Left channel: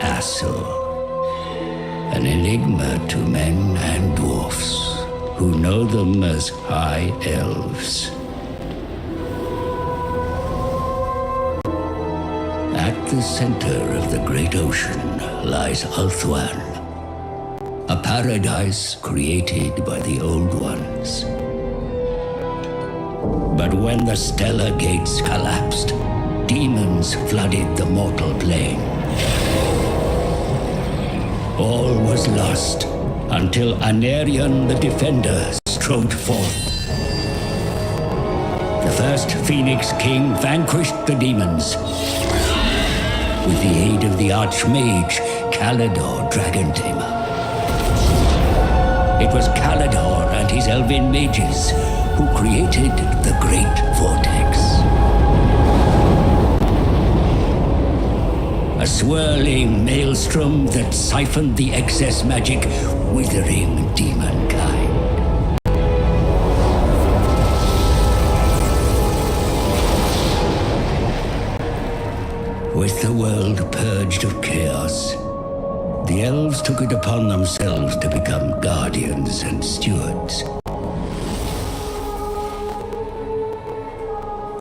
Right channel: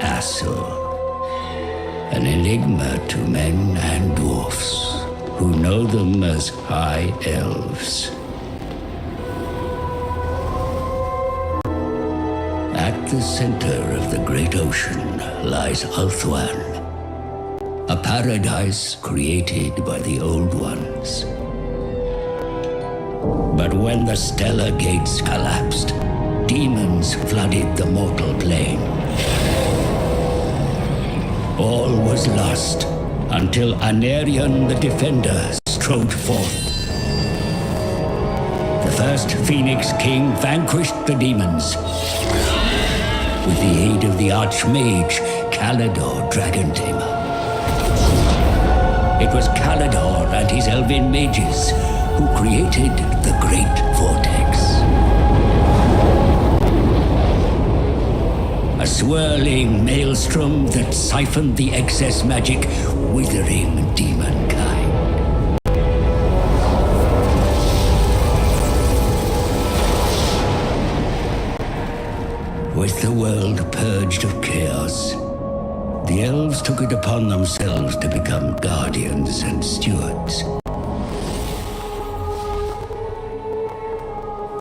Asur, an enigma to men and dwarfs who know them as High Elves. At the center of the great ocean lies Ulthuan, a paradise created by the Old Ones. But when the stellar gates collapsed, demons flooded the mortal plane. All was lost until Anarion the Defender strode forth. The first Phoenix King vanquished the demons with the aid of the Archmage Kalidor Dragon Tamer. It was Kalidor and his elven mages who created the Great Vortex. A swirling maelstrom that siphoned the excess magic, withering demonkind. With the world purged of chaos, the elves took it upon themselves to become guardians and stewards.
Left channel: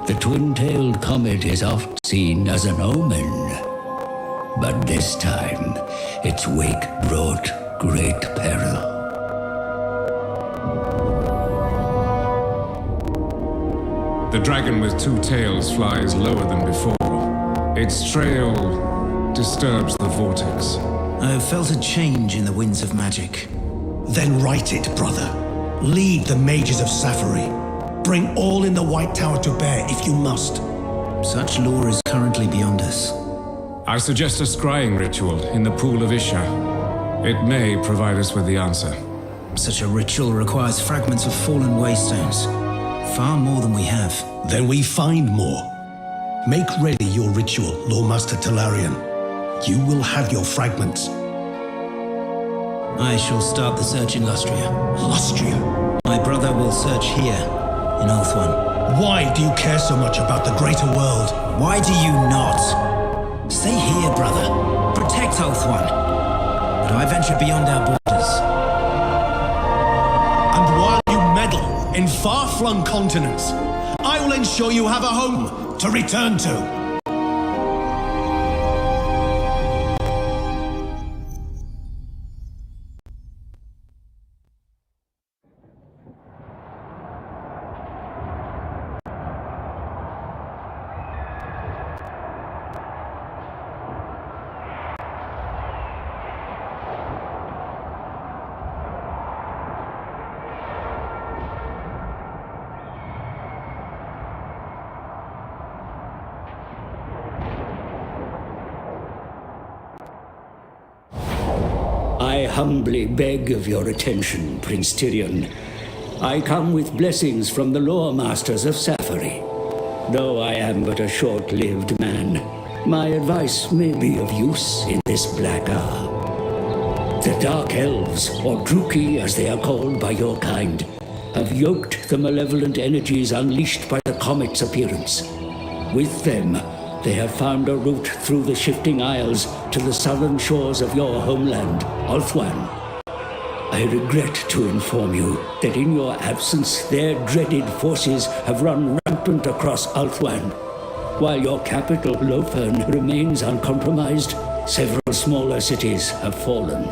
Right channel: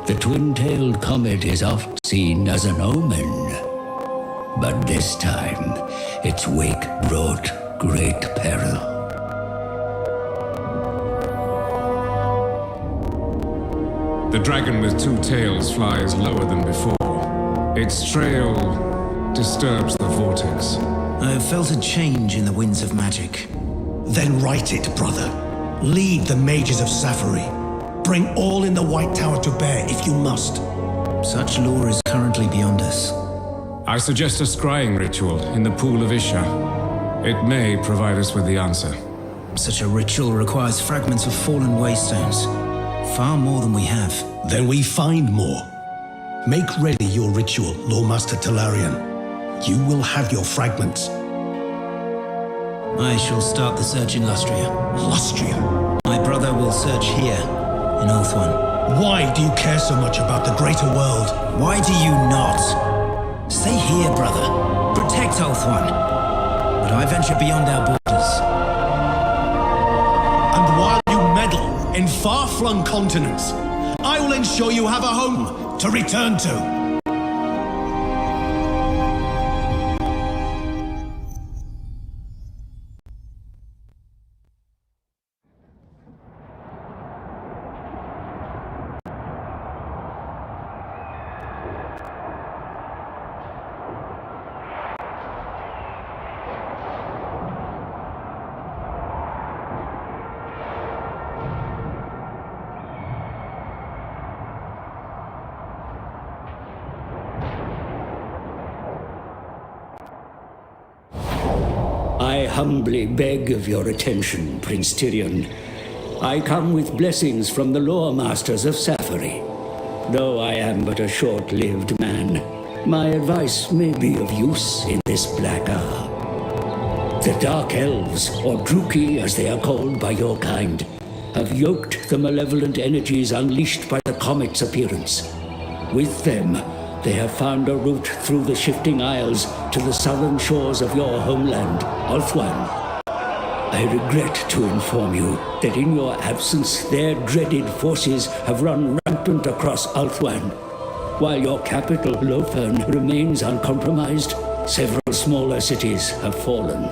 The twin-tailed comet is oft seen as an omen, but this time its wake brought great peril. The dragon with two tails flies lower than before. Its trail disturbs the vortex. I have felt a change in the winds of magic. Then right it, brother. Lead the mages of Safari. Bring all in the White Tower to bear if you must. Such lore is currently beyond us. I suggest a scrying ritual in the pool of Isha. It may provide us with the answer. Such a ritual requires fragments of fallen waystones. Far more than we have. Then we find more. Make ready your ritual, Lawmaster Talarian. You will have your fragments. I shall start the search in Lustria. Lustria? My brother will search here, in Ulthuan. Why do you care so much about the greater world? Why do you not? Stay here, brother. Protect Ulthuan. But I venture beyond our borders. And while you meddle in far-flung continents, I will ensure you have a home to return to. I humbly beg of your attention, Prince Tyrion. I come with blessings from the lore masters of Safari. Though I am but a short-lived man, my advice may be of use in this black hour. The Dark Elves, or Druki as they are called by your kind, have yoked the malevolent energies unleashed by the comet's appearance. With them, they have found a route through the shifting isles to the southern shores of your homeland, Ulthuan. I regret to inform you that in your absence, their dreaded forces have run rampant across Ulthuan. While your capital, Lofern, remains uncompromised, several smaller cities have fallen.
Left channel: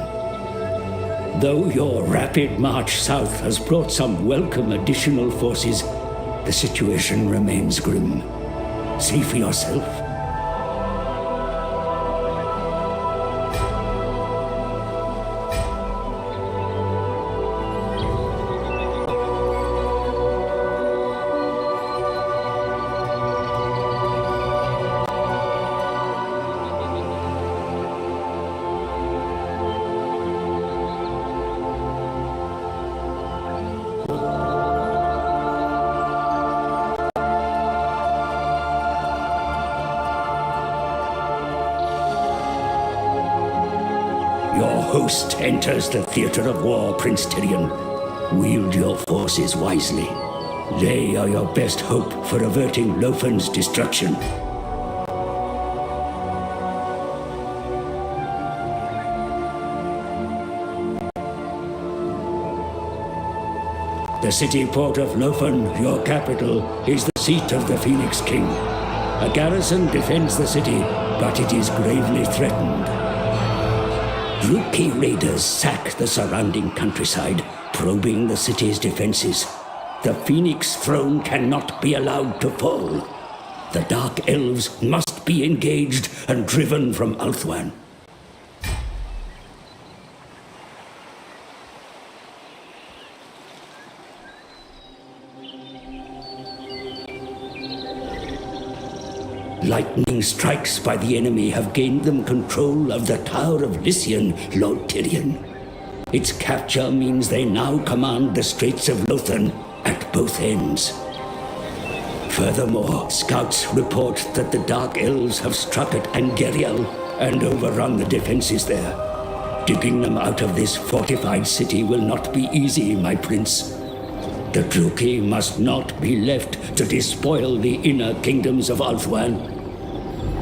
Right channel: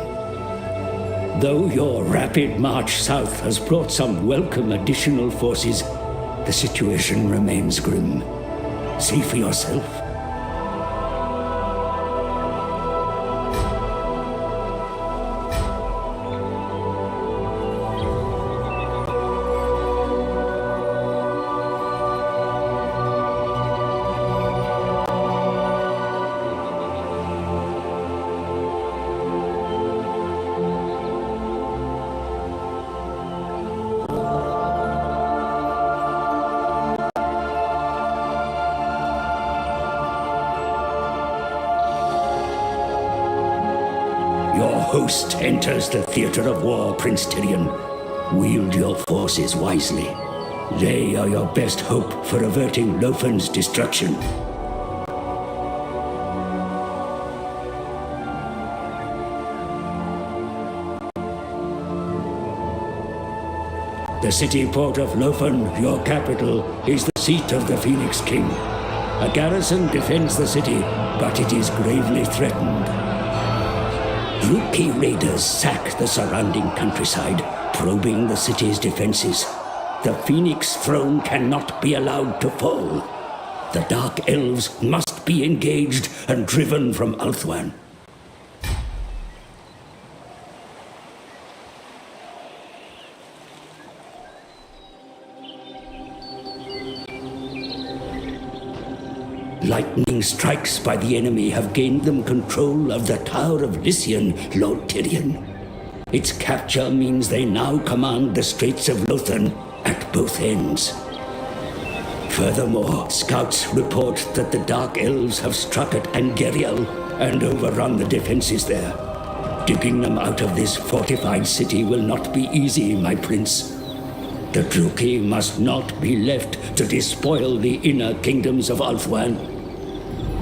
Though your rapid march south has brought some welcome additional forces, the situation remains grim. See for yourself. Your host enters the theater of war, Prince Tyrion. Wield your forces wisely. They are your best hope for averting Lofern's destruction. The city port of Lofen, your capital, is the seat of the Phoenix King. A garrison defends the city, but it is gravely threatened. Rookie raiders sack the surrounding countryside, probing the city's defenses. The Phoenix throne cannot be allowed to fall. The Dark Elves must be engaged and driven from Ulthuan. Lightning strikes by the enemy have gained them control of the Tower of Lycian, Lord Tyrion. Its capture means they now command the Straits of Lothan at both ends. Furthermore, scouts report that the Dark Elves have struck at Angeriel and overrun the defenses there. Digging them out of this fortified city will not be easy, my prince. The Druki must not be left to despoil the inner kingdoms of Ulthuan.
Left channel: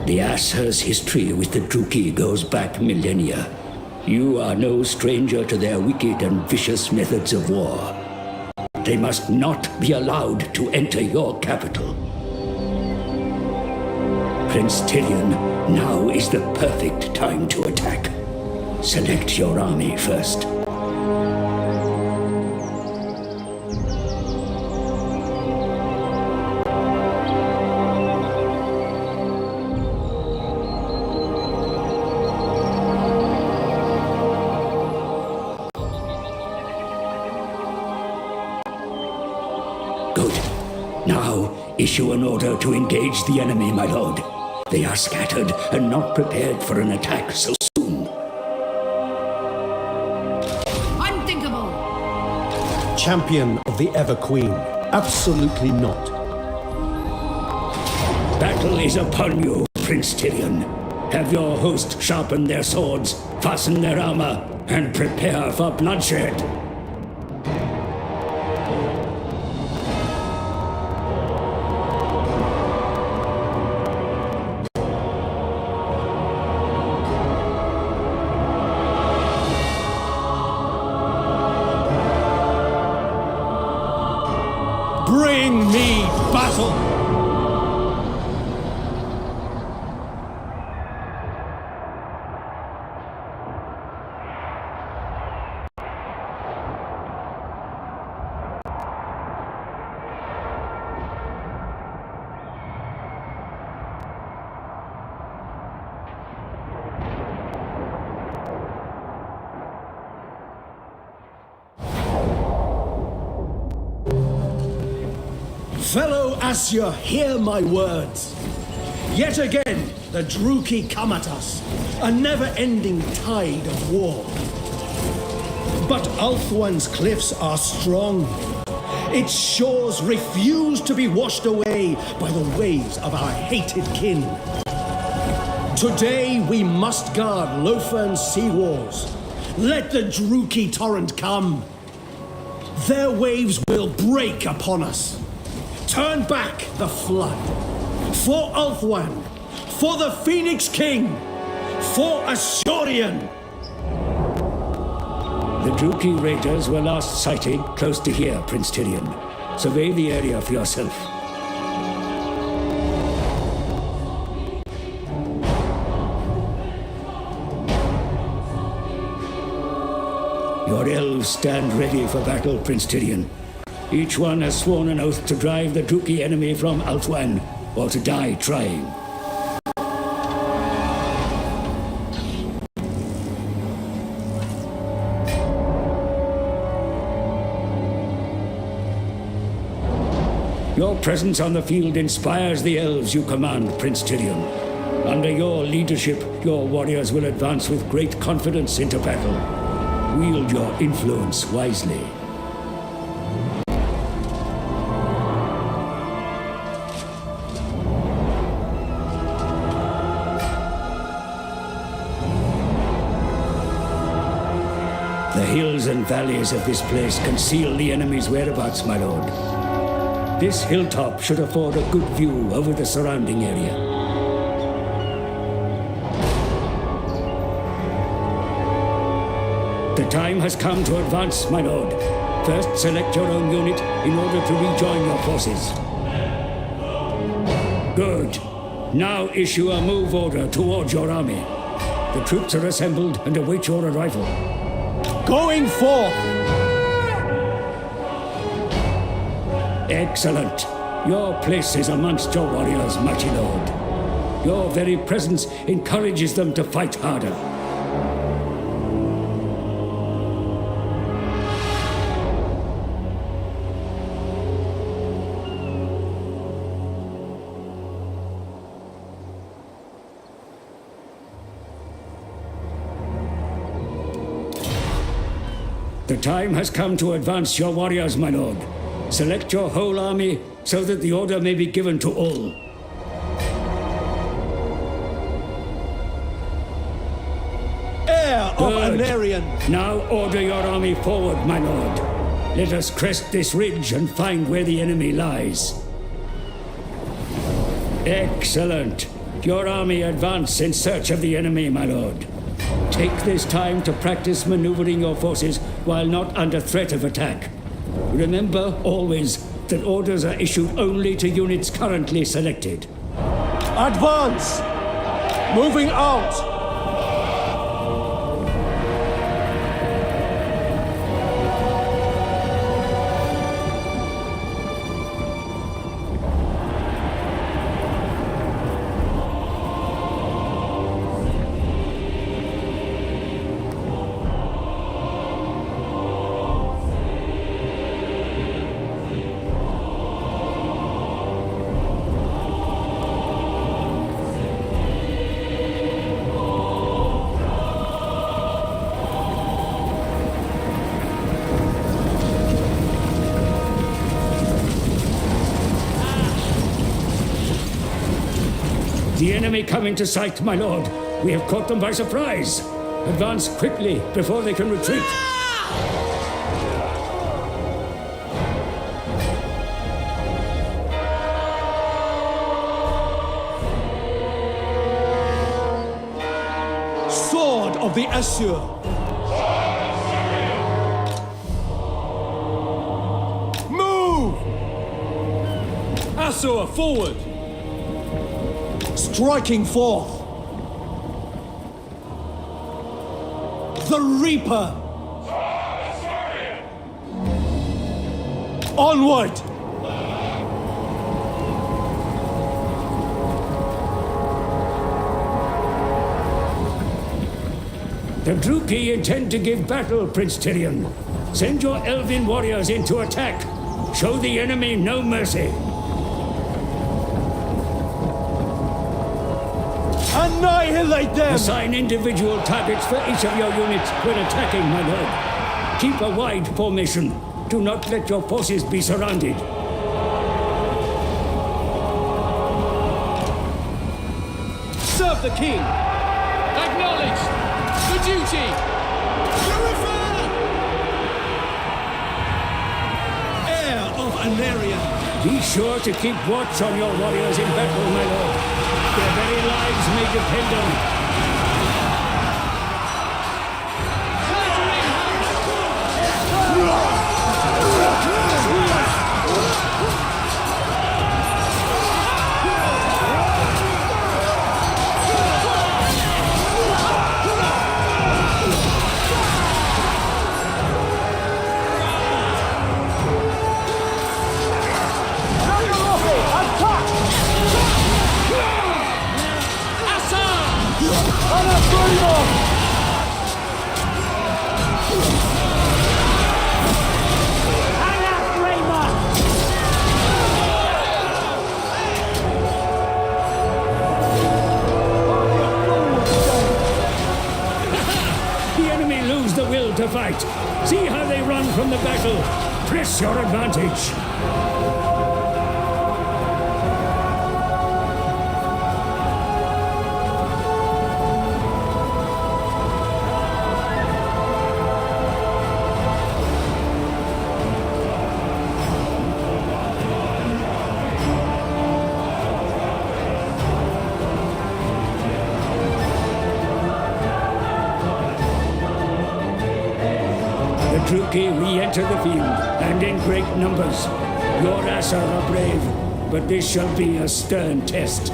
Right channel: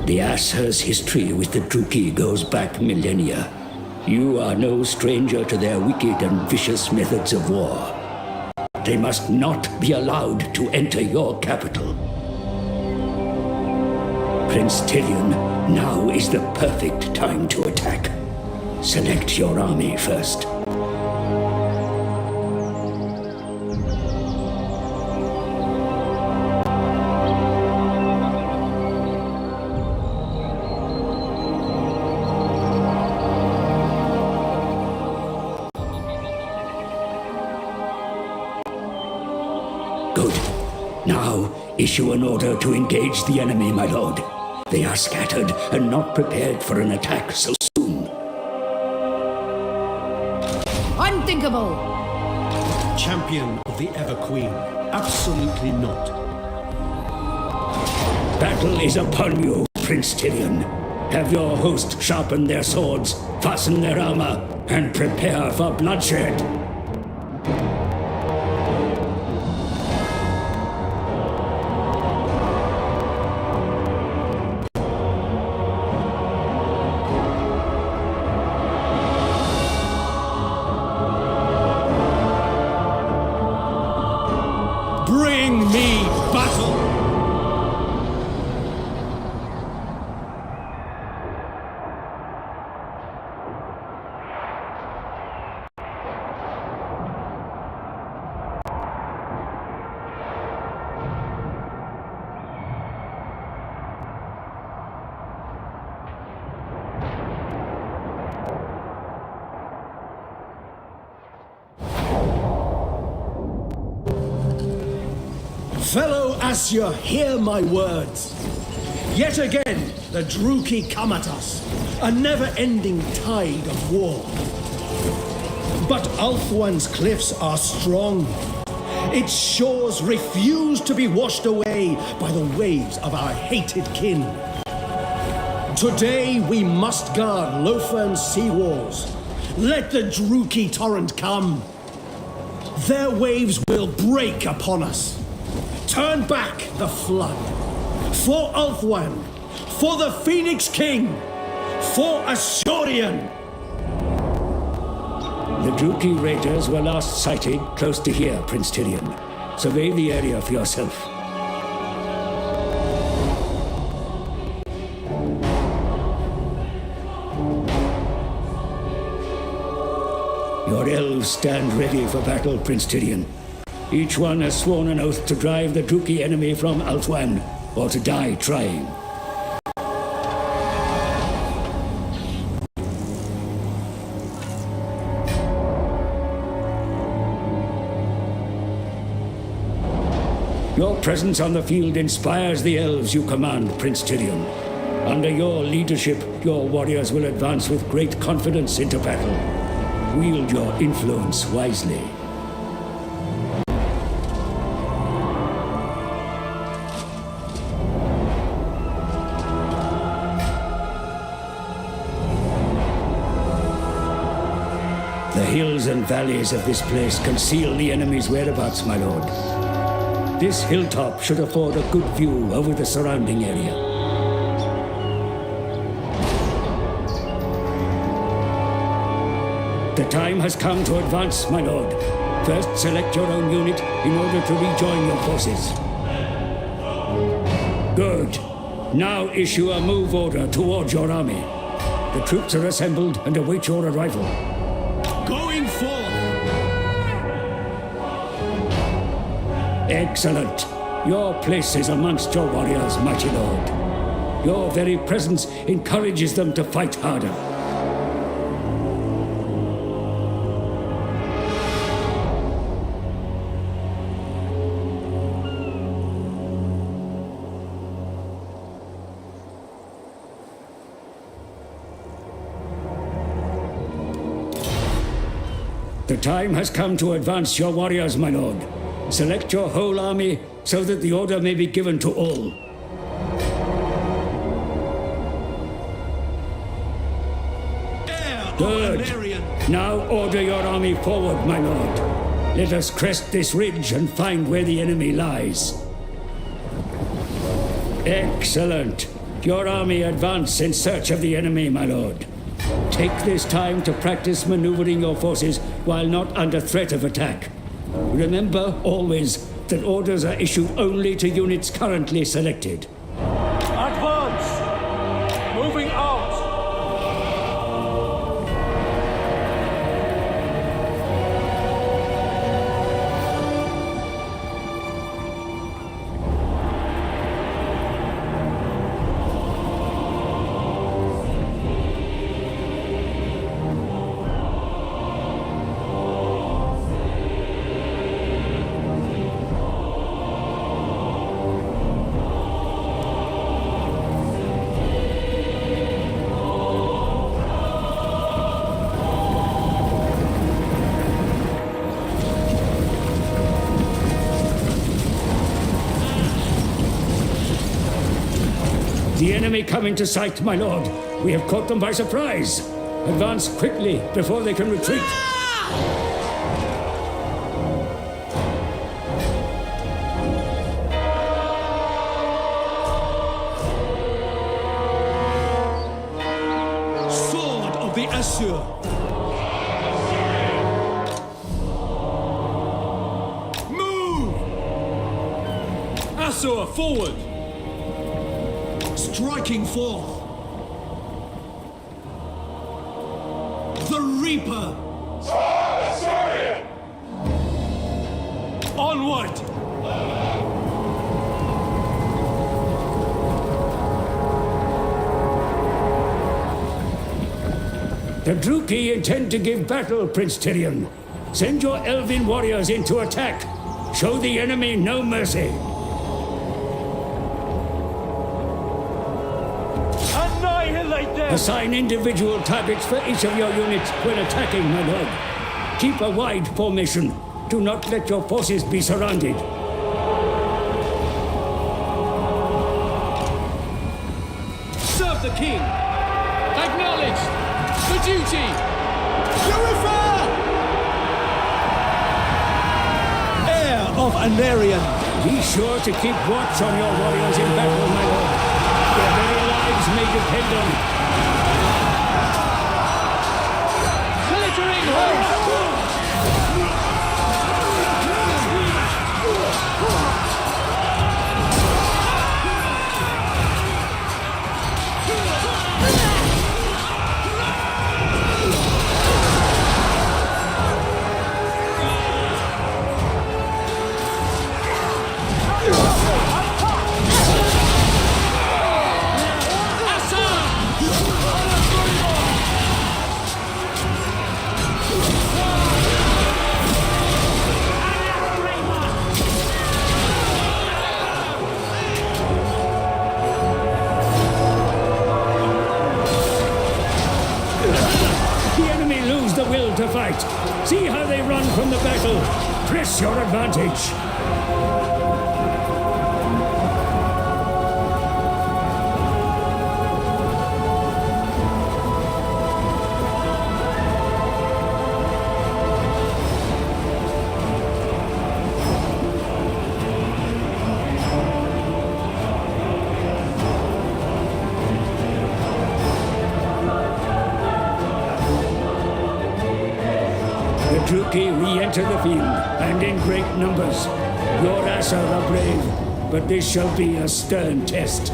The Aesir's history with the Druki goes back millennia. You are no stranger to their wicked and vicious methods of war. They must not be allowed to enter your capital. Prince Tyrion, now is the perfect time to attack. Select your army first. Good. Now, issue an order to engage the enemy, my lord. They are scattered and not prepared for an attack so soon. Unthinkable! Champion of the Ever Queen. Absolutely not. Battle is upon you, Prince Tyrion. Have your host sharpen their swords, fasten their armor, and prepare for bloodshed. Bring me battle! Fellow Asya, hear my words. Yet again, the Druki come at us, a never-ending tide of war. But Ulthuan's cliffs are strong. Its shores refuse to be washed away by the waves of our hated kin. Today, we must guard Lofern's seawalls. Let the Druki torrent come. Their waves will break upon us. Turn back the flood. For Ulthuan. For the Phoenix King. For Asurion. The Druki raiders were last sighted close to here, Prince Tyrion. Survey the area for yourself. Your elves stand ready for battle, Prince Tyrion. Each one has sworn an oath to drive the Druki enemy from Ulthuan, or to die trying. Your presence on the field inspires the elves you command, Prince Tyrion. Under your leadership, your warriors will advance with great confidence into battle. Wield your influence wisely. The hills and valleys of this place conceal the enemy's whereabouts, my lord. This hilltop should afford a good view over the surrounding area. The time has come to advance, my lord. First, select your own unit in order to rejoin your forces. Good. Now issue a move order towards your army. The troops are assembled and await your arrival. Going forth! Excellent. Your place is amongst your warriors, mighty lord. Your very presence encourages them to fight harder. The time has come to advance your warriors, my lord. Select your whole army so that the order may be given to all. Heir of Good. Anarion! Now order your army forward, my lord. Let us crest this ridge and find where the enemy lies. Excellent. Your army advance in search of the enemy, my lord. Take this time to practice maneuvering your forces while not under threat of attack. Remember always that orders are issued only to units currently selected. Advance! Moving out! The enemy come into sight, my lord. We have caught them by surprise. Advance quickly before they can retreat. Sword of the Assur! Move! Assur, forward! Striking forth! The Reaper! Onward! The Druki intend to give battle, Prince Tyrion. Send your elven warriors in to attack. Show the enemy no mercy. Annihilate them! Assign individual targets for each of your units when attacking, my lord. Keep a wide formation. Do not let your forces be surrounded. Serve the king! Acknowledged! For duty! Purify! Heir of Anarion! Be sure to keep watch on your warriors in battle, my lord. Their very lives may depend on it. Glittering The enemy lose the will to fight. See how they run from the battle. Press your advantage. The Druki re-enter the field, and in great numbers. Your Asar are brave, but this shall be a stern test.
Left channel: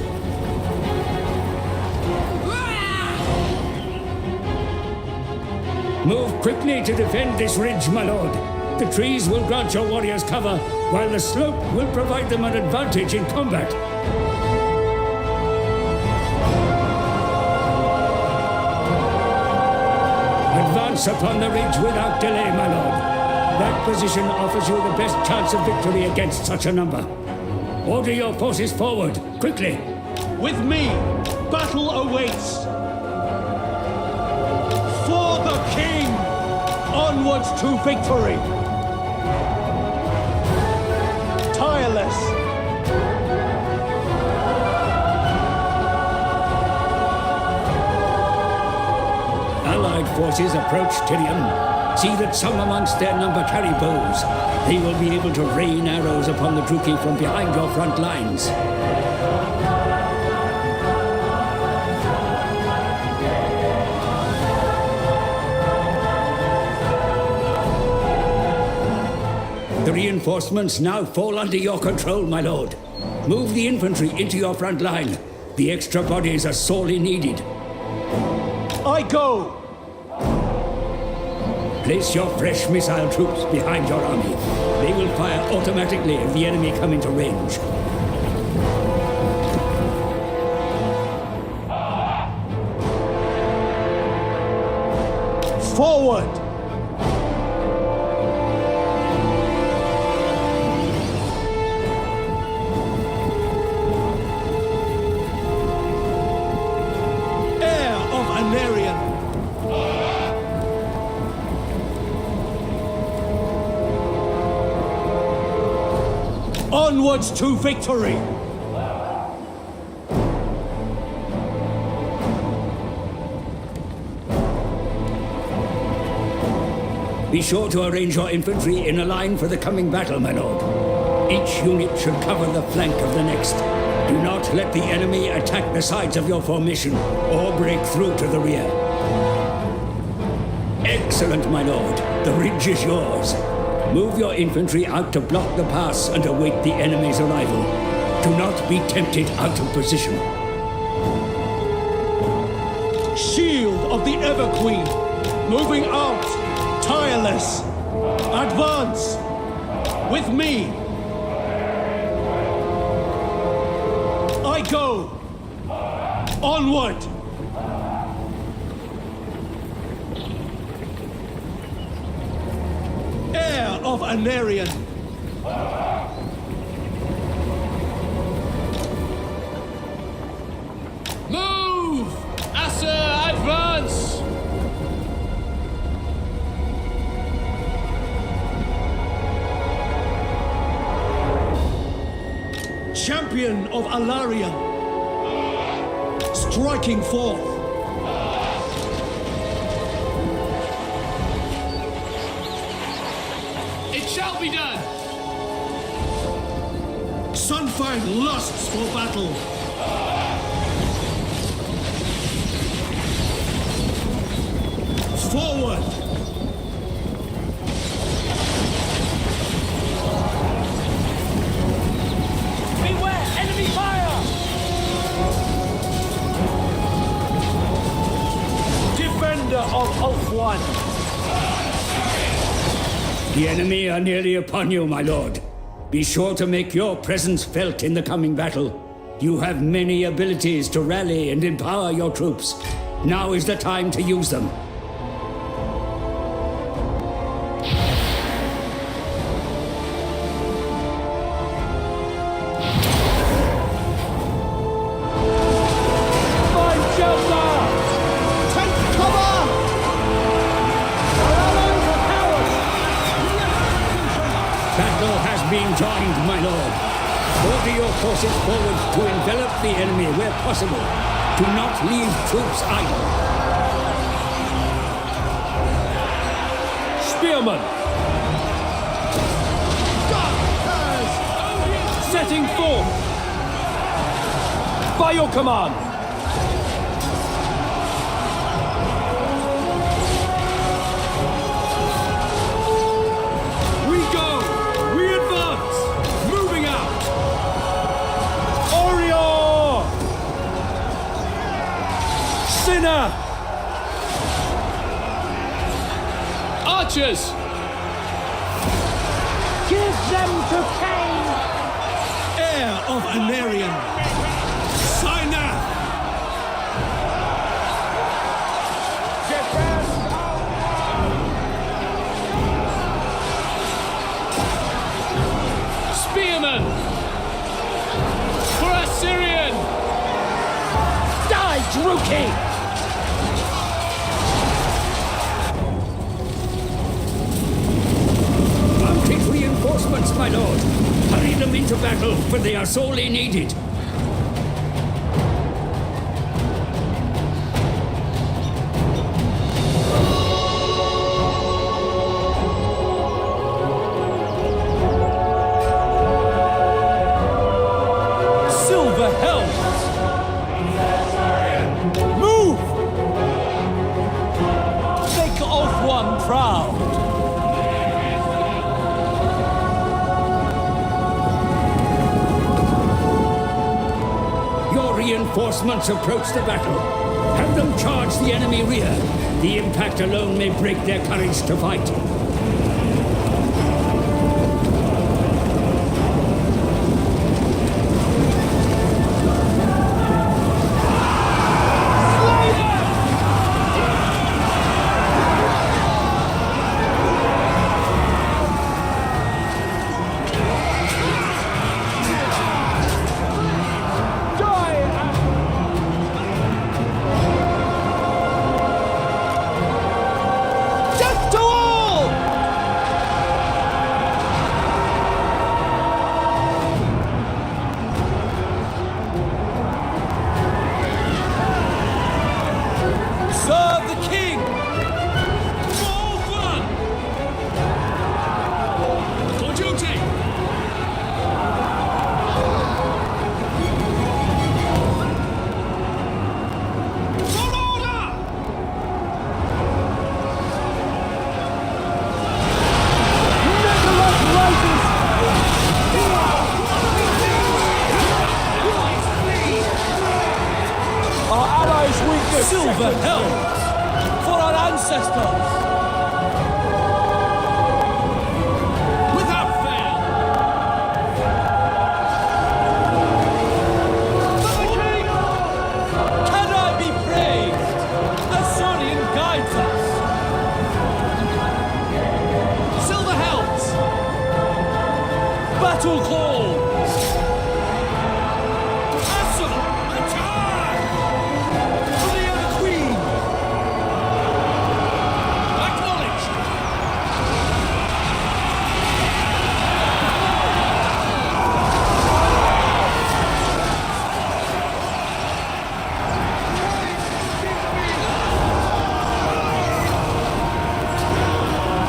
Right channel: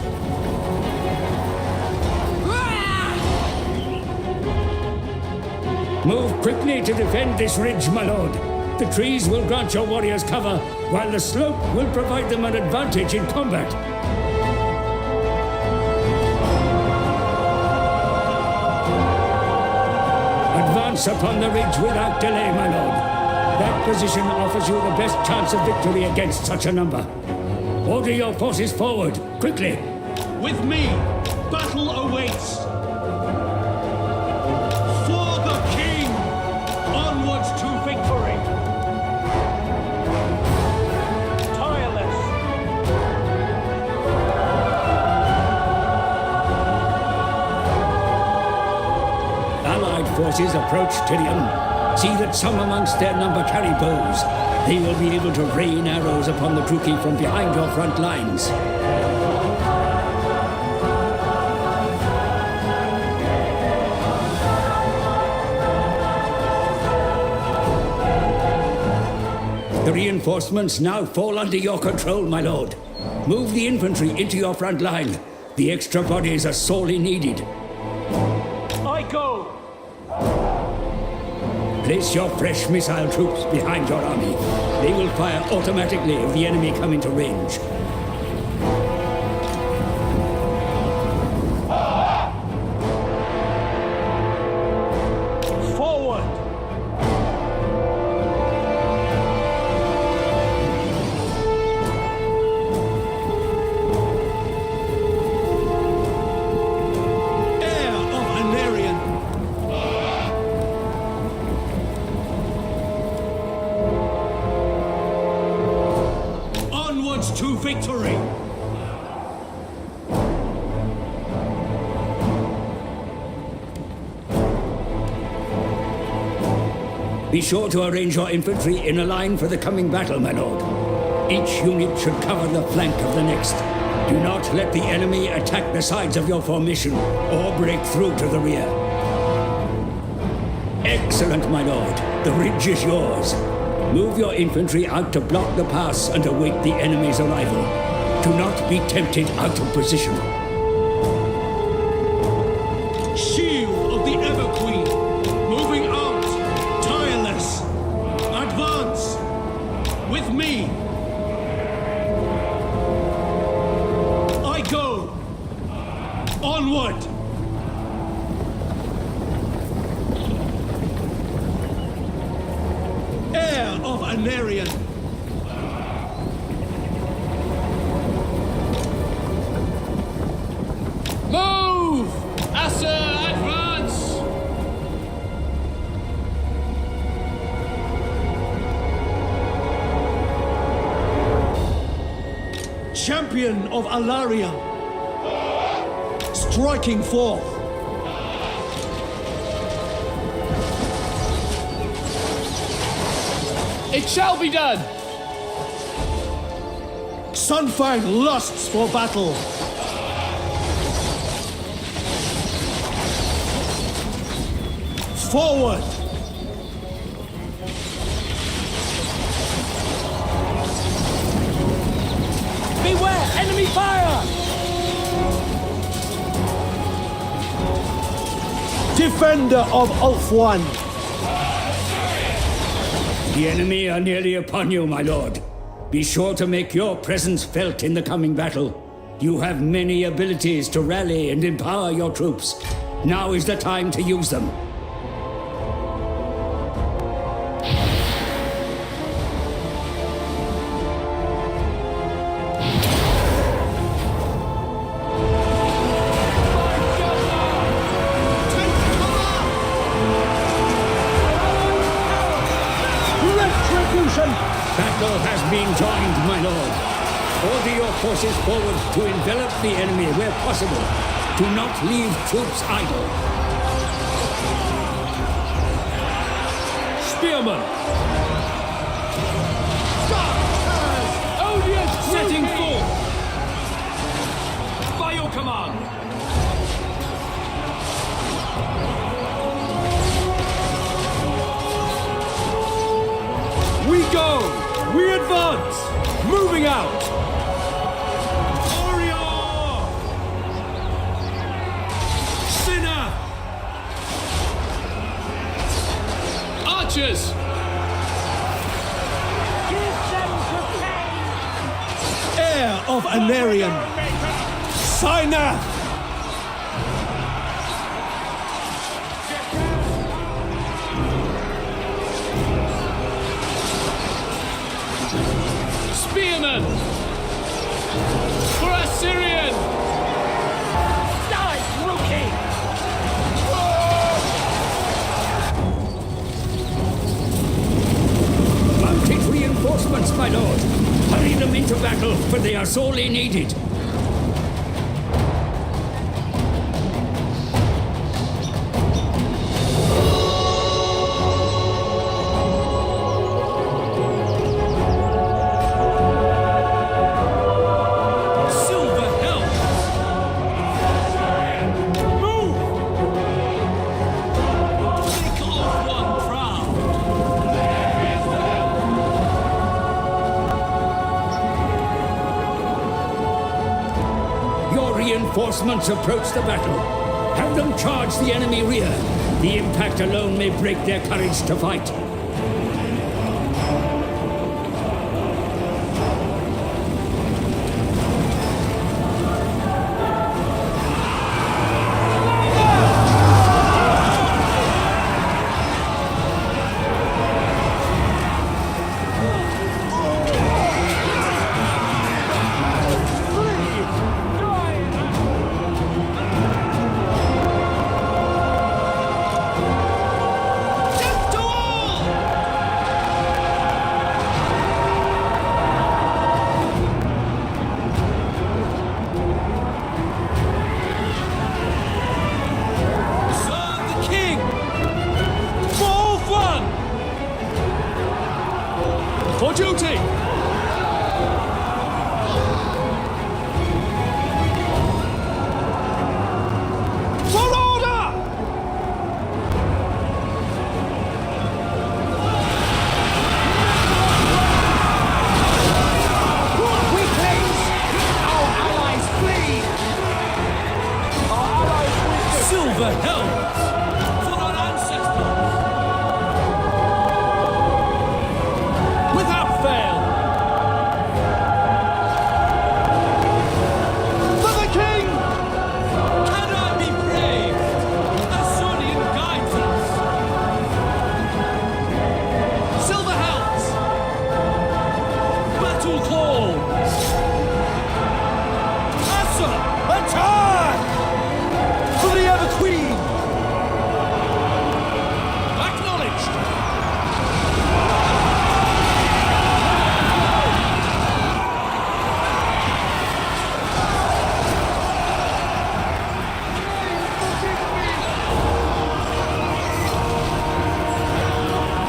Move quickly to defend this ridge, my lord. The trees will grant your warriors cover, while the slope will provide them an advantage in combat. Advance upon the ridge without delay, my lord. That position offers you the best chance of victory against such a number. Order your forces forward, quickly. With me, battle awaits. For the king! Onwards to victory! Tireless! Allied forces approach Tyrion. See that some amongst their number carry bows. They will be able to rain arrows upon the Druki from behind your front lines. The reinforcements now fall under your control, my lord. Move the infantry into your front line. The extra bodies are sorely needed. I go! Place your fresh missile troops behind your army. They will fire automatically if the enemy come into range. Forward! Heir of Anarion! Onwards to victory! Be sure to arrange your infantry in a line for the coming battle, my lord. Each unit should cover the flank of the next. Do not let the enemy attack the sides of your formation or break through to the rear. Excellent, my lord. The ridge is yours. Move your infantry out to block the pass and await the enemy's arrival. Do not be tempted out of position. Shield of the Everqueen! Moving out! Tireless! Advance! With me! I go! Onward! Heir of Anarion! Move! Asa, advance! Champion of Alaria! Striking forth! It shall be done! Sunfang lusts for battle! Forward! Beware, enemy fire! Defender of Ulfwan! The enemy are nearly upon you, my lord. Be sure to make your presence felt in the coming battle. You have many abilities to rally and empower your troops. Now is the time to use them. Take cover! Retribution! Battle has been joined, my lord. Order your forces forward to envelop the enemy where possible. Do not leave troops idle. Spearman! Darkers! Odious Setting Druki! forth! By your command! We go! We advance! Moving out! Orior! Sinner! Archers! Heir of Anarion! Sinner! Spearmen! For Assyrian! Die, Druki! Mounted reinforcements, my lord. Hurry them into battle, for they are sorely needed. Silver helms! Move! Make Oath One proud! Your reinforcements approach the battle. Have them charge the enemy rear. The impact alone may break their courage to fight. Death to all! Serve the king! For all fun! For duty! For order! Silver helms for our ancestors! Without fail! For the king! Can I be praised? Assyrian guides us! Silver helms! Battle calls! Assa, attack! For the ever queen! Acknowledged!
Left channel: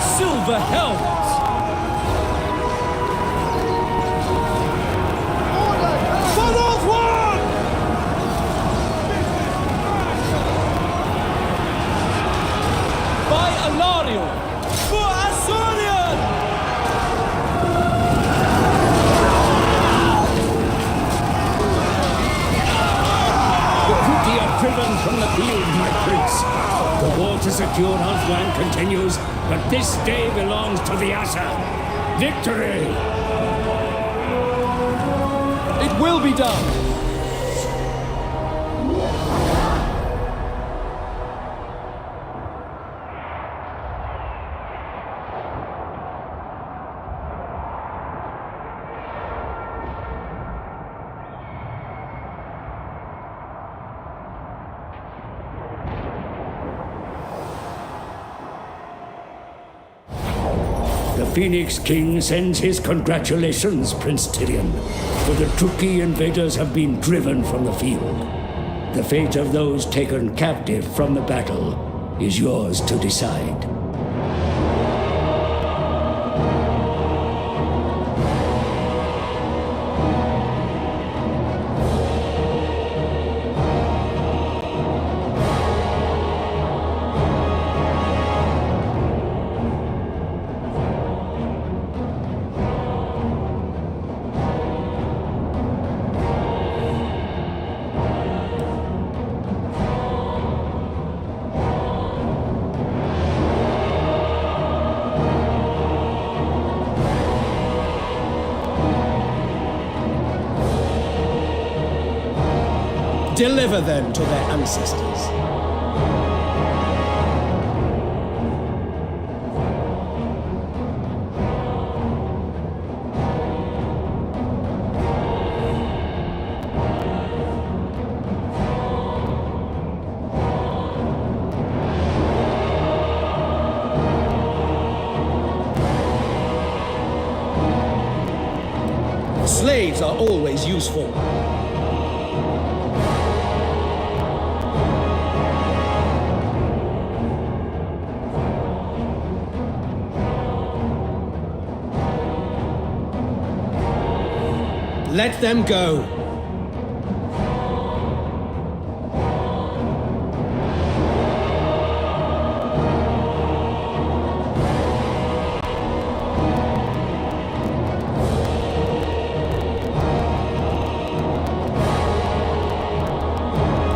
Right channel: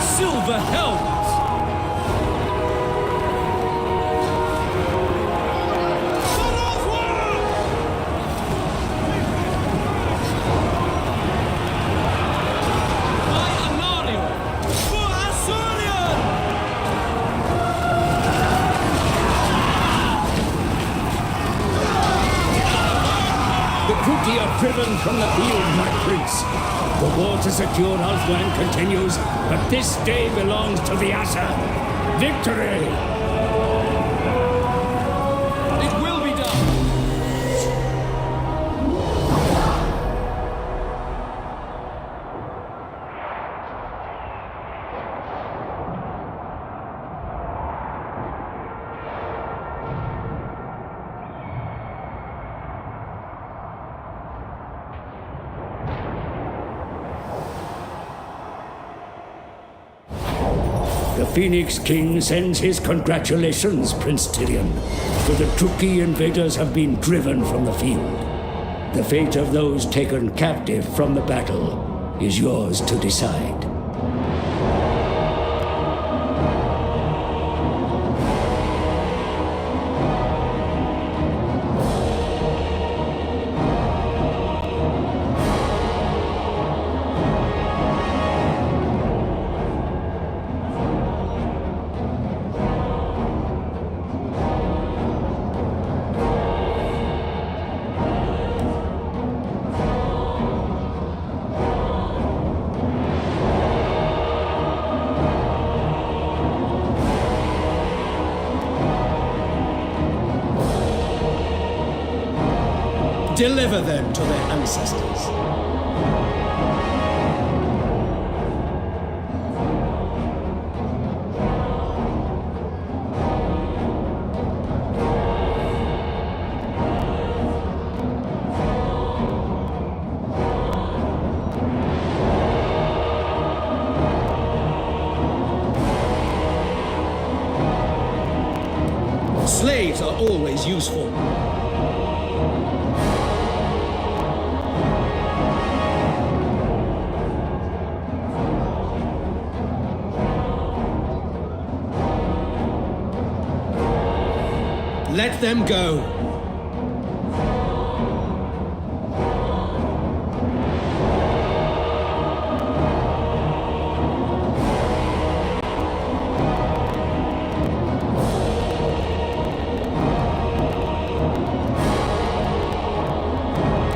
Silver helms! For North One! By Alario! For Assyrian! The Druki are driven from the field, my prince. The war to secure Alfwan continues, but this day belongs to the Assa. Victory! It will be done! The Phoenix King sends his congratulations, Prince Tyrion, for the Druki invaders have been driven from the field. The fate of those taken captive from the battle is yours to decide. Deliver them to their ancestors. Slaves are always useful. Let them go.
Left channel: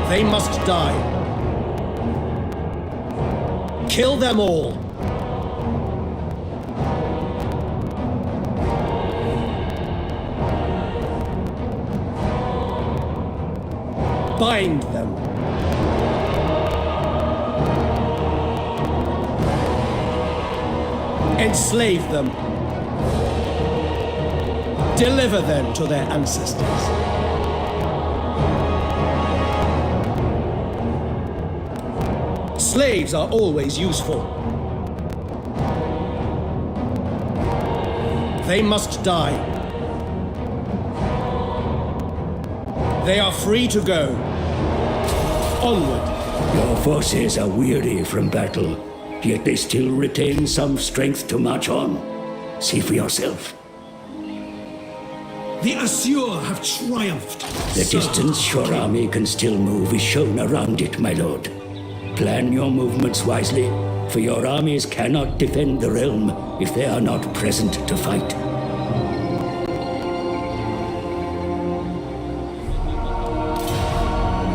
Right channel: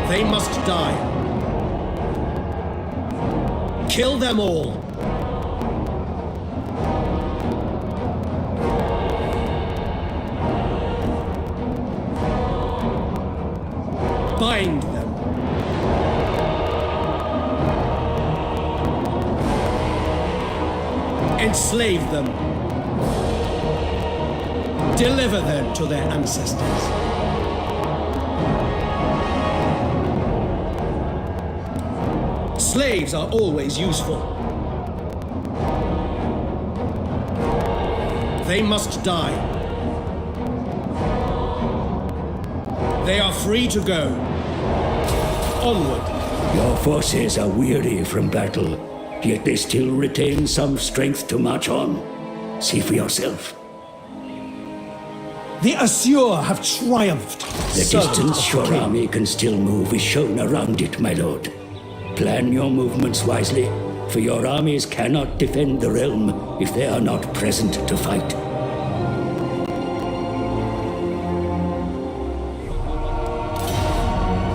They must die. Kill them all. Bind them. Enslave them. Deliver them to their ancestors. Slaves are always useful. They must die. They are free to go. Onward. Your forces are weary from battle, yet they still retain some strength to march on. See for yourself. The Assur have triumphed. The distance your army can still move is shown around it, my lord. Plan your movements wisely, for your armies cannot defend the realm if they are not present to fight.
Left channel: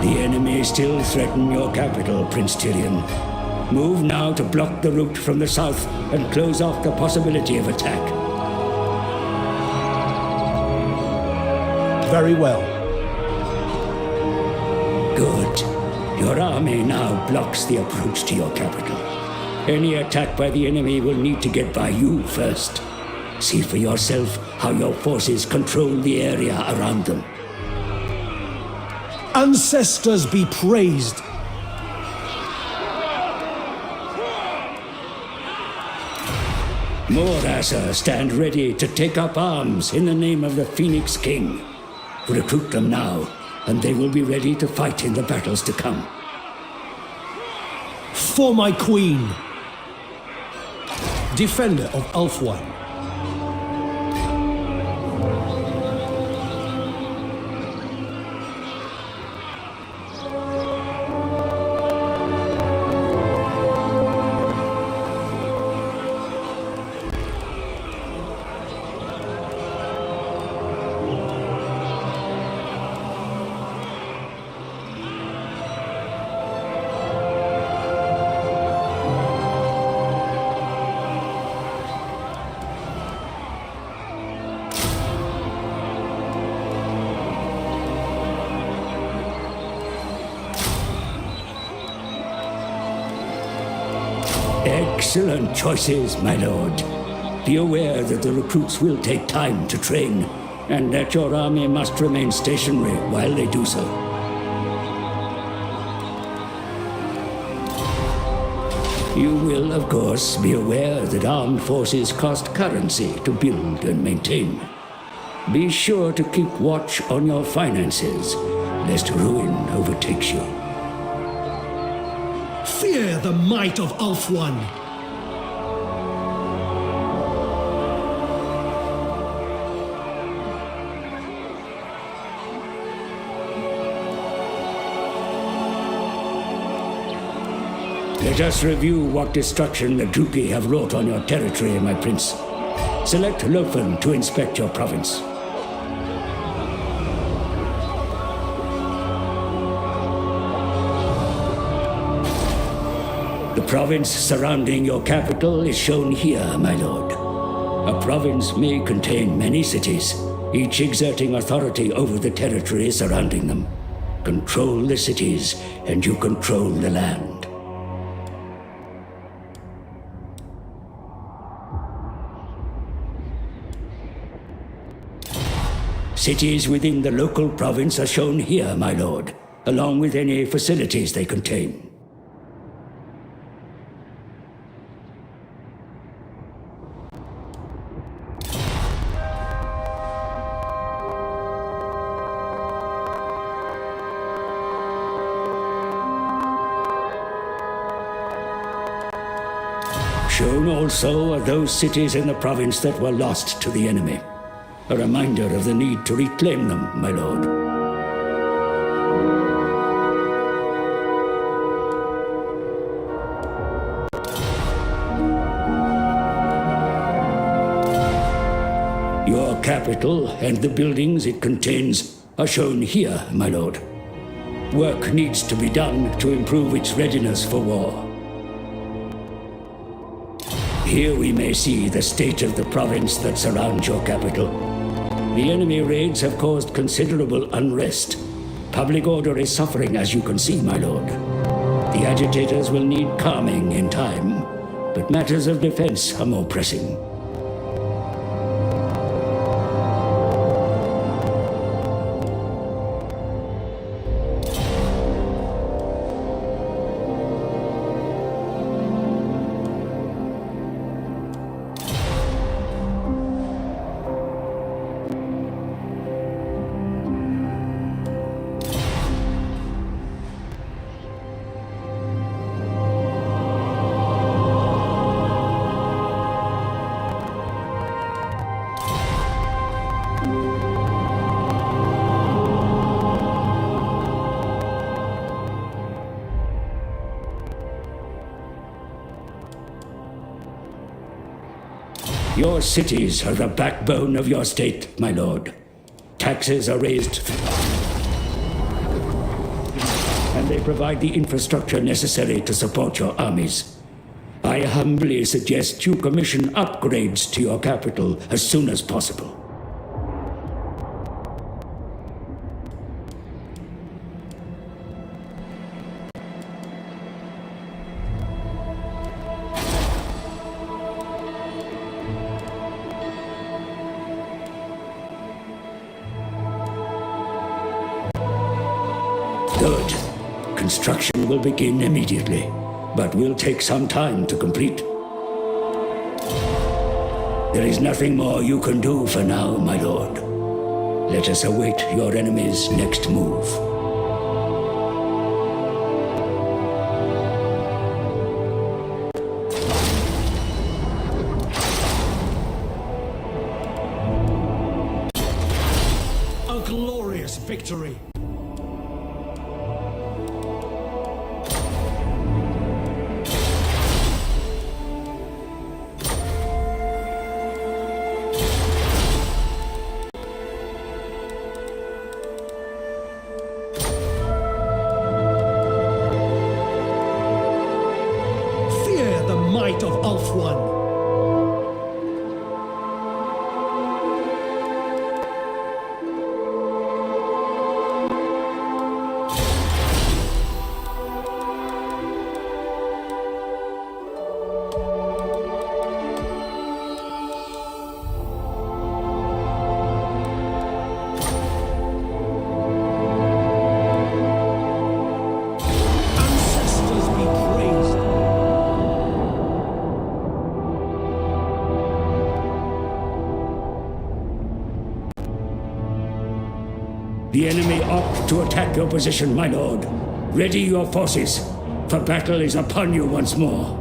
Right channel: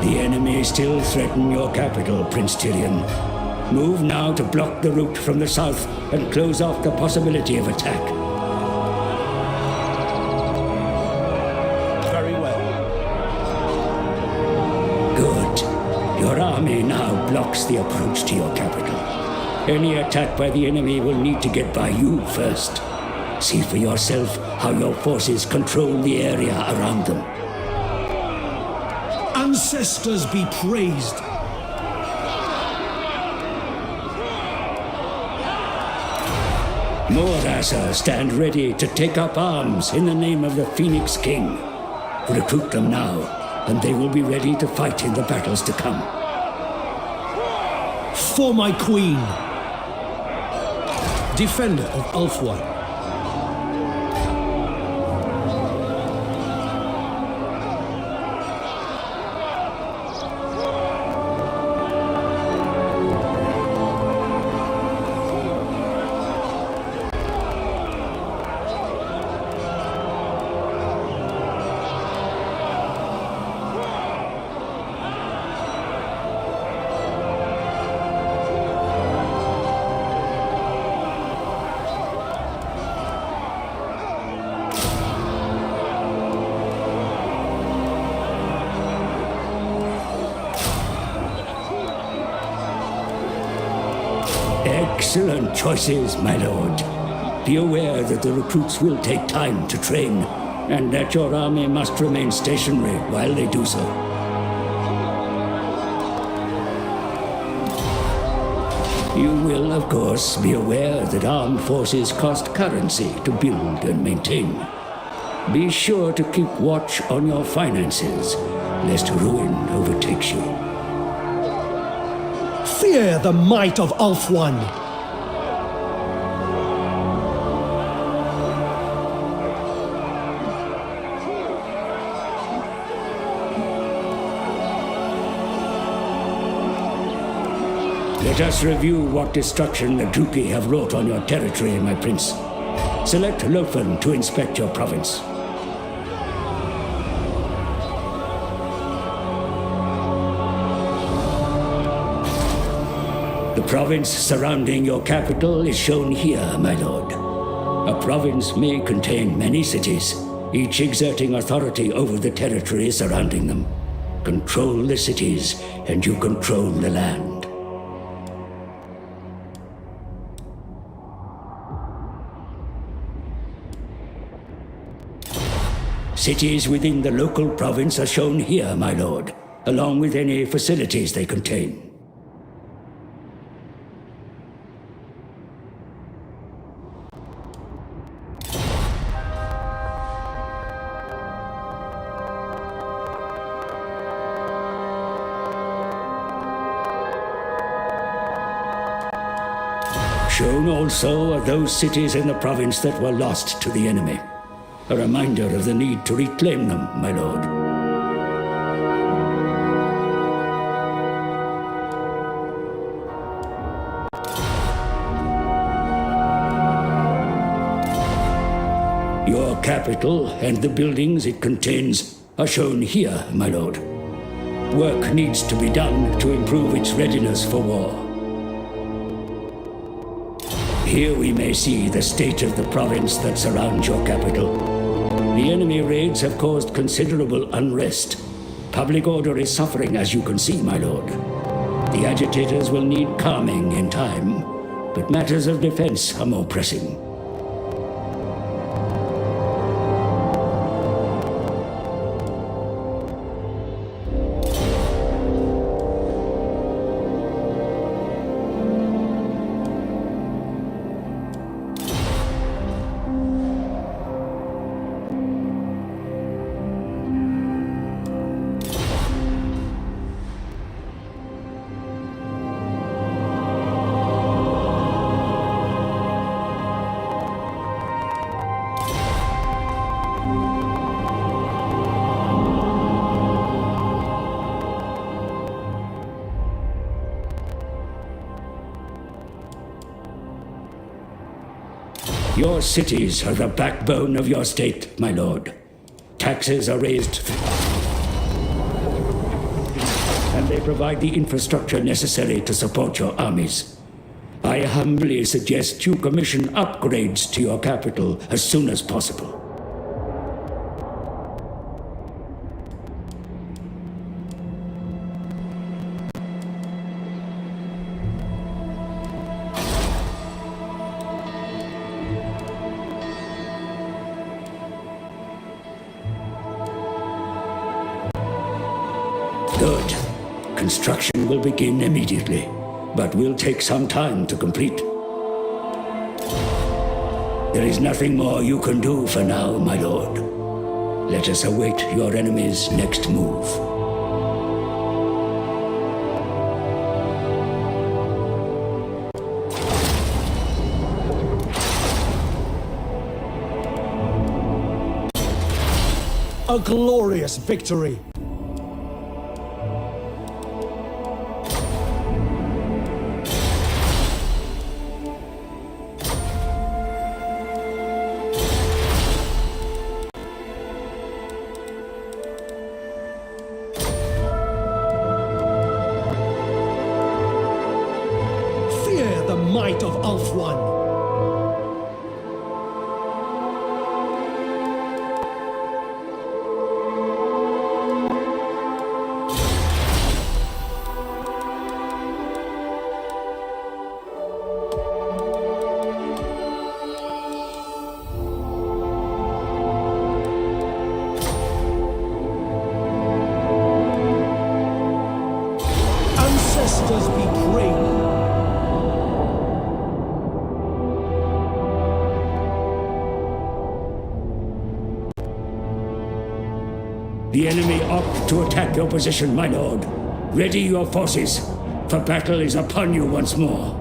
The enemy still threaten your capital, Prince Tyrion. Move now to block the route from the south and close off the possibility of attack. Very well. Good. Your army now blocks the approach to your capital. Any attack by the enemy will need to get by you first. See for yourself how your forces control the area around them. Ancestors be praised. More Asa stand ready to take up arms in the name of the Phoenix King. Recruit them now, and they will be ready to fight in the battles to come. For my queen. Defender of Ulthuan. Excellent choices, my lord. Be aware that the recruits will take time to train, and that your army must remain stationary while they do so. You will, of course, be aware that armed forces cost currency to build and maintain. Be sure to keep watch on your finances, lest ruin overtakes you. Fear the might of Ulthuan. Let us review what destruction the Druki have wrought on your territory, my prince. Select Lofen to inspect your province. The province surrounding your capital is shown here, my lord. A province may contain many cities, each exerting authority over the territory surrounding them. Control the cities, and you control the land. Cities within the local province are shown here, my lord, along with any facilities they contain. Shown also are those cities in the province that were lost to the enemy. A reminder of the need to reclaim them, my lord. Your capital and the buildings it contains are shown here, my lord. Work needs to be done to improve its readiness for war. Here we may see the state of the province that surrounds your capital. The enemy raids have caused considerable unrest. Public order is suffering, as you can see, my lord. The agitators will need calming in time, but matters of defense are more pressing. Your cities are the backbone of your state, my lord. Taxes are raised, and they provide the infrastructure necessary to support your armies. I humbly suggest you commission upgrades to your capital as soon as possible. Good. Construction will begin immediately, but will take some time to complete. There is nothing more you can do for now, my lord. Let us await your enemy's next move. A glorious victory! Fear the might of Ulthuan! Ancestors be praised! The enemy opt to attack your position, my lord. Ready your forces, for battle is upon you once more.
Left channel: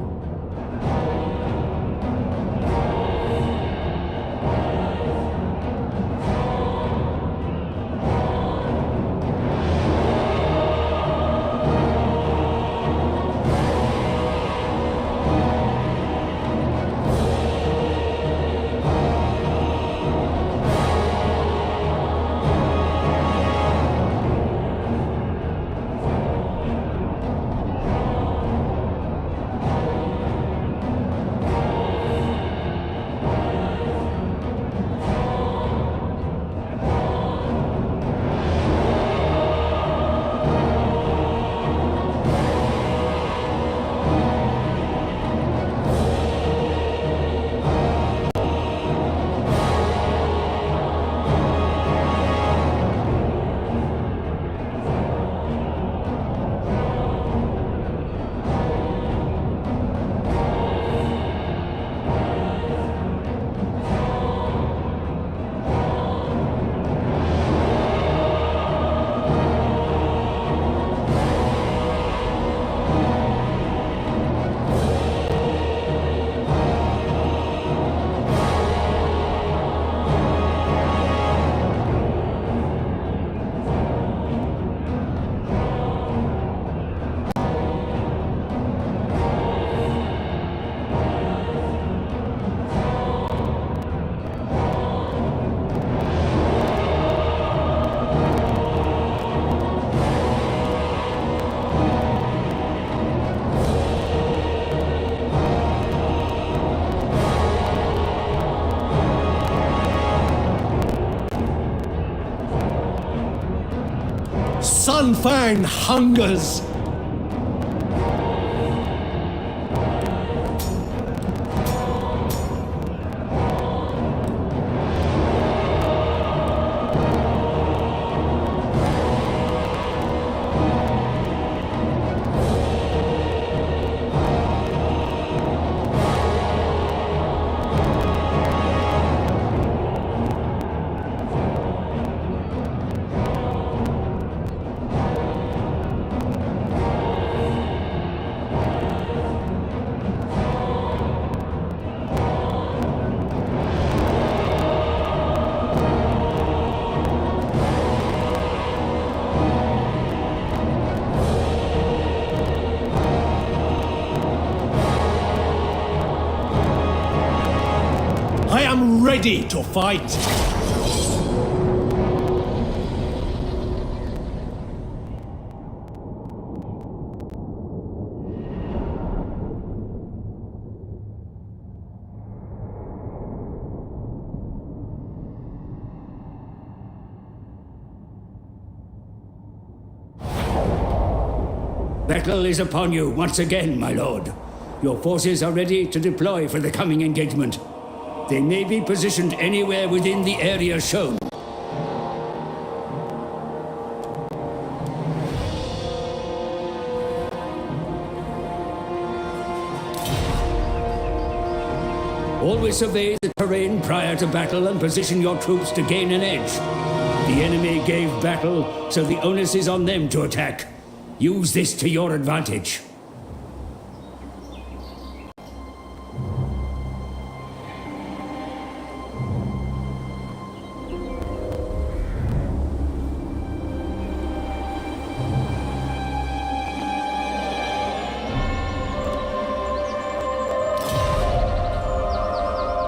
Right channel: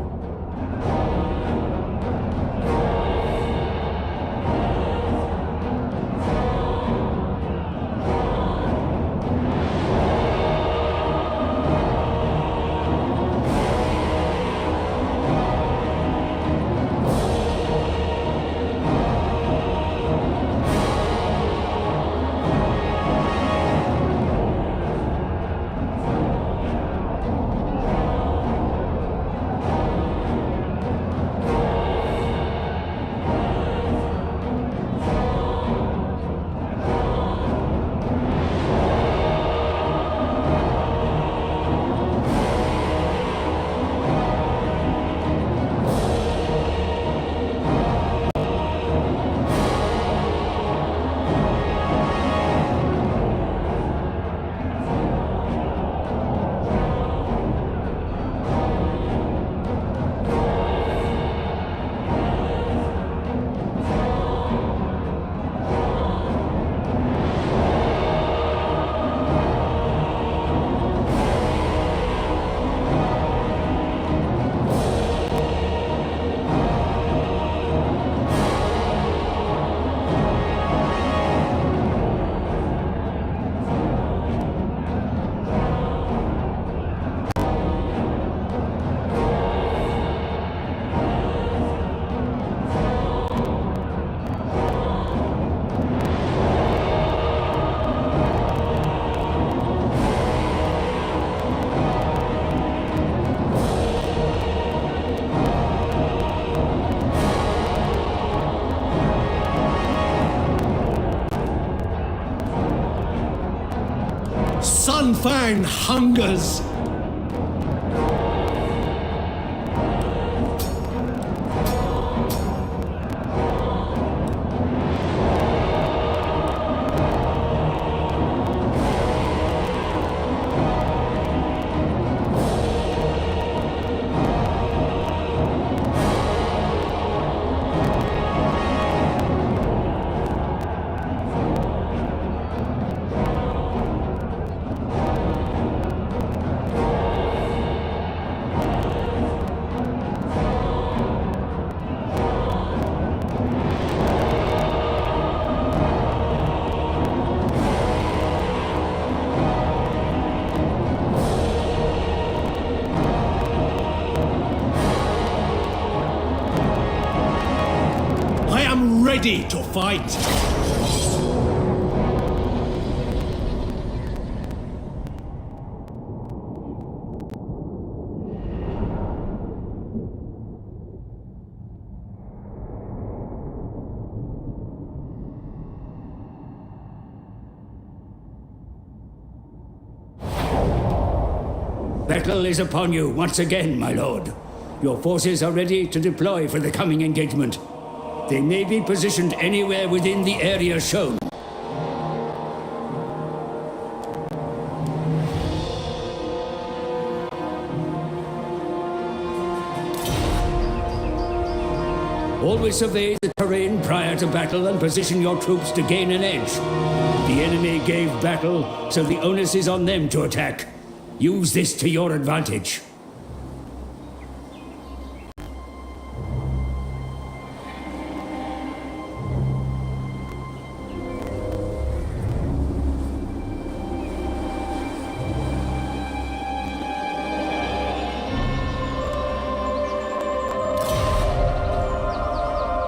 Sun Fang hungers. I am ready to fight. Battle is upon you once again, my lord. Your forces are ready to deploy for the coming engagement. They may be positioned anywhere within the area shown. Always survey the terrain prior to battle and position your troops to gain an edge. The enemy gave battle, so the onus is on them to attack. Use this to your advantage.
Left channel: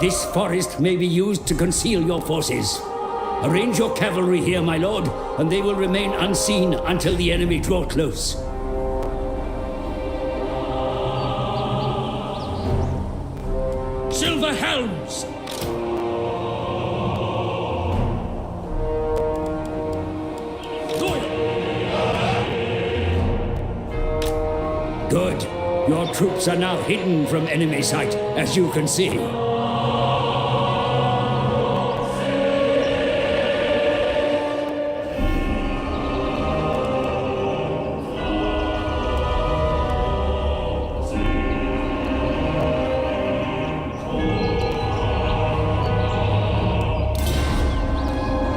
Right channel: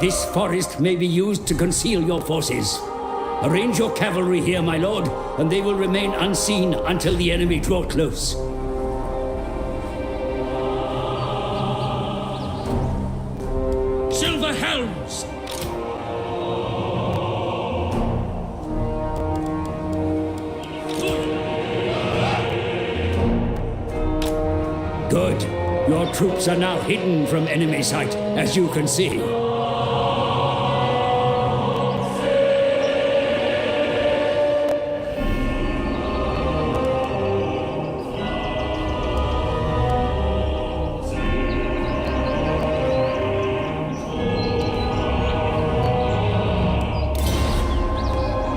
This forest may be used to conceal your forces. Arrange your cavalry here, my lord, and they will remain unseen until the enemy draw close. Silver helms! Good. Your troops are now hidden from enemy sight, as you can see.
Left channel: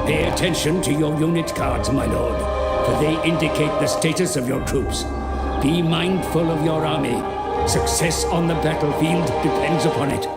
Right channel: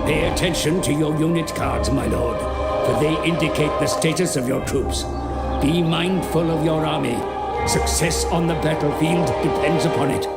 Pay attention to your unit cards, my lord, for they indicate the status of your troops. Be mindful of your army. Success on the battlefield depends upon it.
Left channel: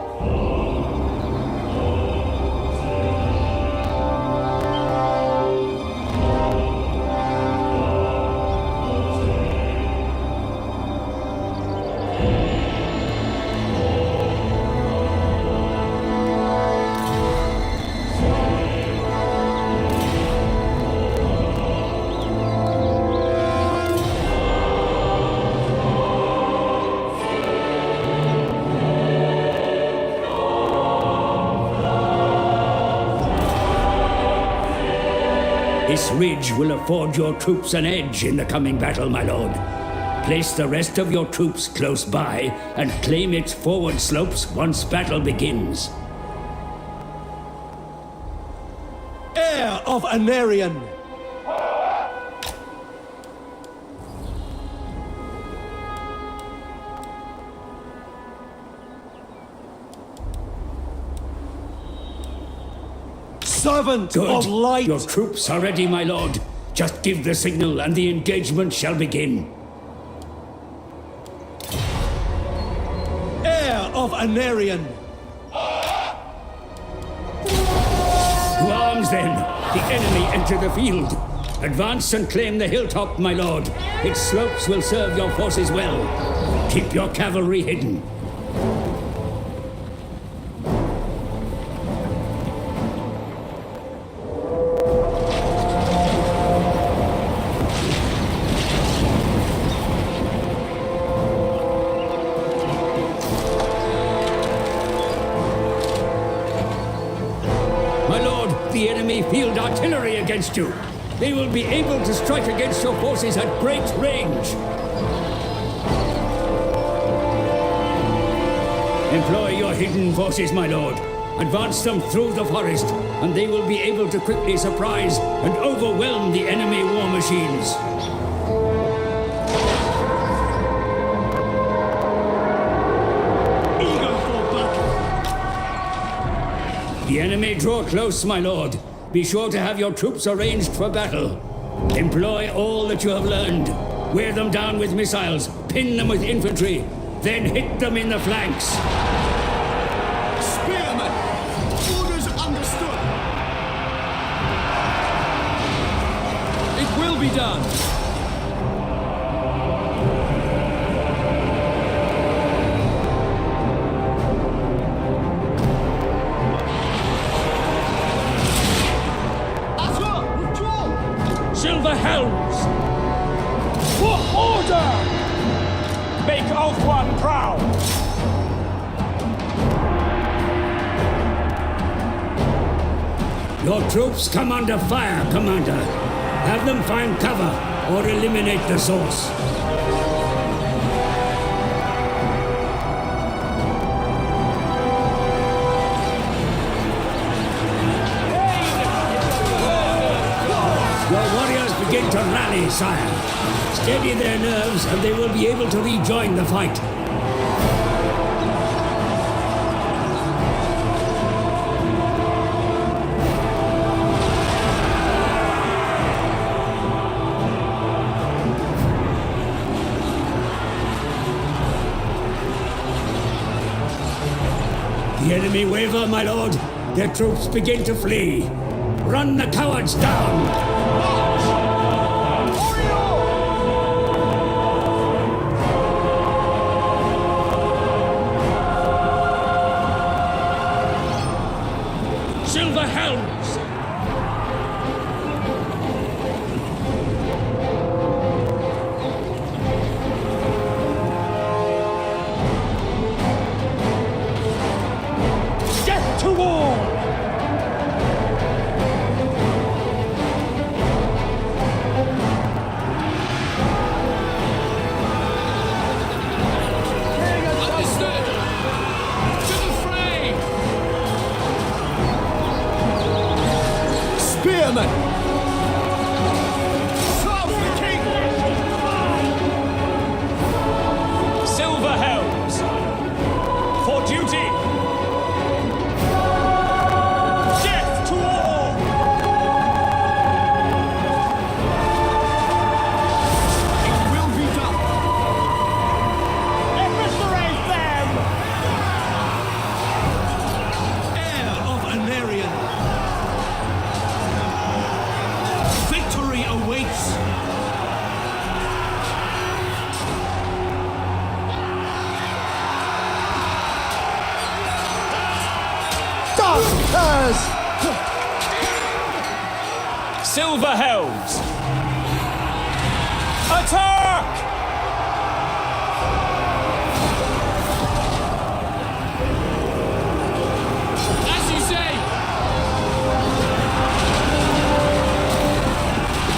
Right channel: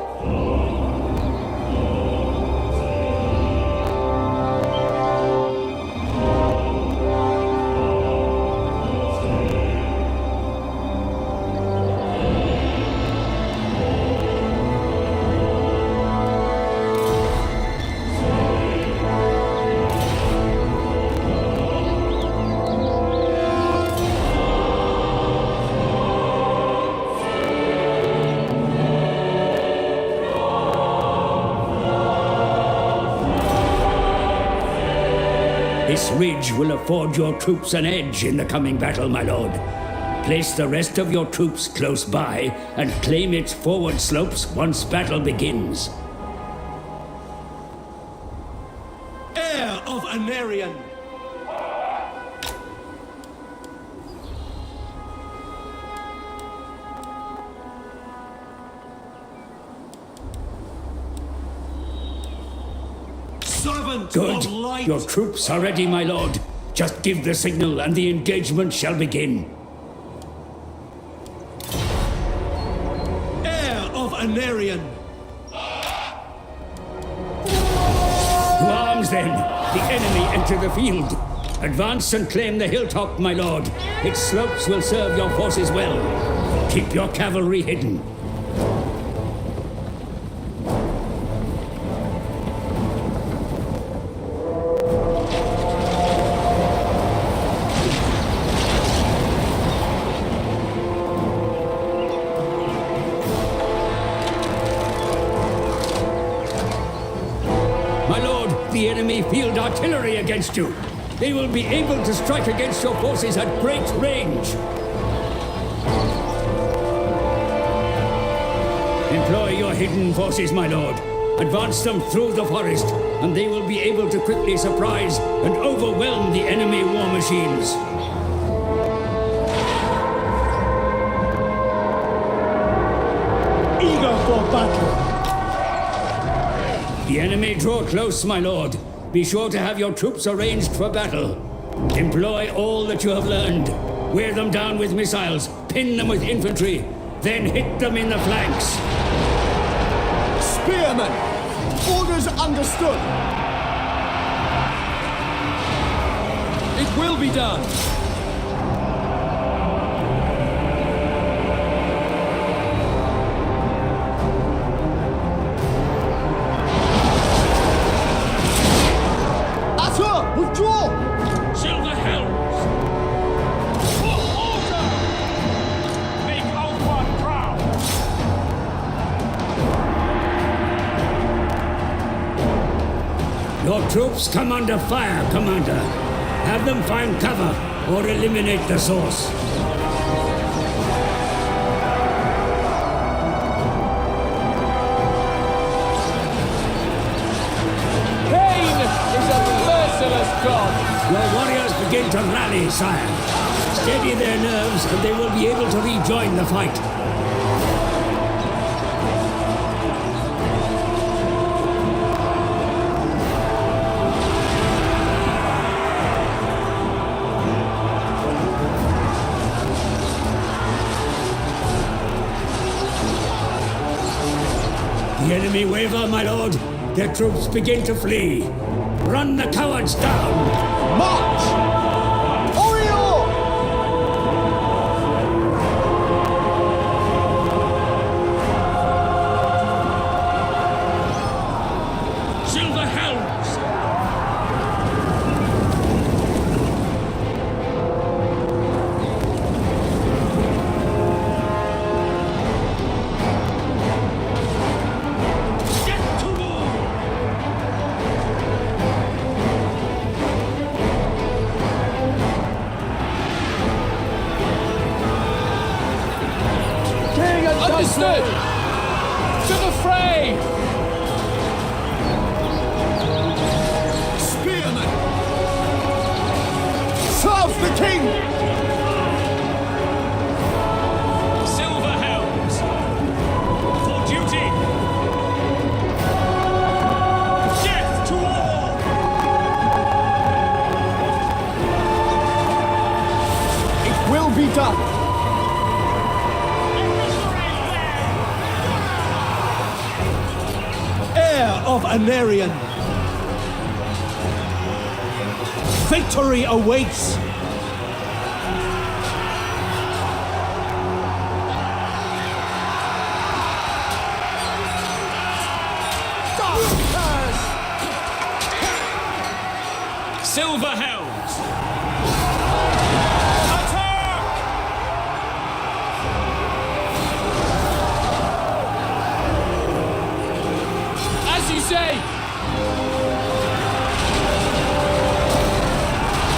This ridge will afford your troops an edge in the coming battle, my lord. Place the rest of your troops close by and claim its forward slopes once battle begins. Heir of Anarion! Servant Good. of light! Your troops are ready, my lord. Just give the signal and the engagement shall begin. Heir of Anarion! To arms, then! The enemy enter the field. Advance and claim the hilltop, my lord. Its slopes will serve your forces well. Keep your cavalry hidden. My lord, the enemy field artillery against you. They will be able to strike against your forces at great range. Employ your hidden forces, my lord. Advance them through the forest, and they will be able to quickly surprise and overwhelm the enemy war machines. Eager for battle. The enemy draw close, my lord. Be sure to have your troops arranged for battle. Employ all that you have learned. Wear them down with missiles, pin them with infantry, then hit them in the flanks. Spearmen! Orders understood! It will be done. Arthur, withdraw! Silver helms. For order! Make Oath One proud. Your troops come under fire, Commander. Have them find cover or eliminate the source. Your warriors begin to rally, sire. Steady their nerves and they will be able to rejoin the fight. The enemy waver, my lord. Their troops begin to flee. Run the cowards down! March! Oriole! Silver helms. Get to war! Understood! To the fray! Spearmen! Serve the king! Silver helms! For duty! Death to all! It will be done! Heir of Anarion! Victory awaits! Darkers! Silver helms! Attack! As you say!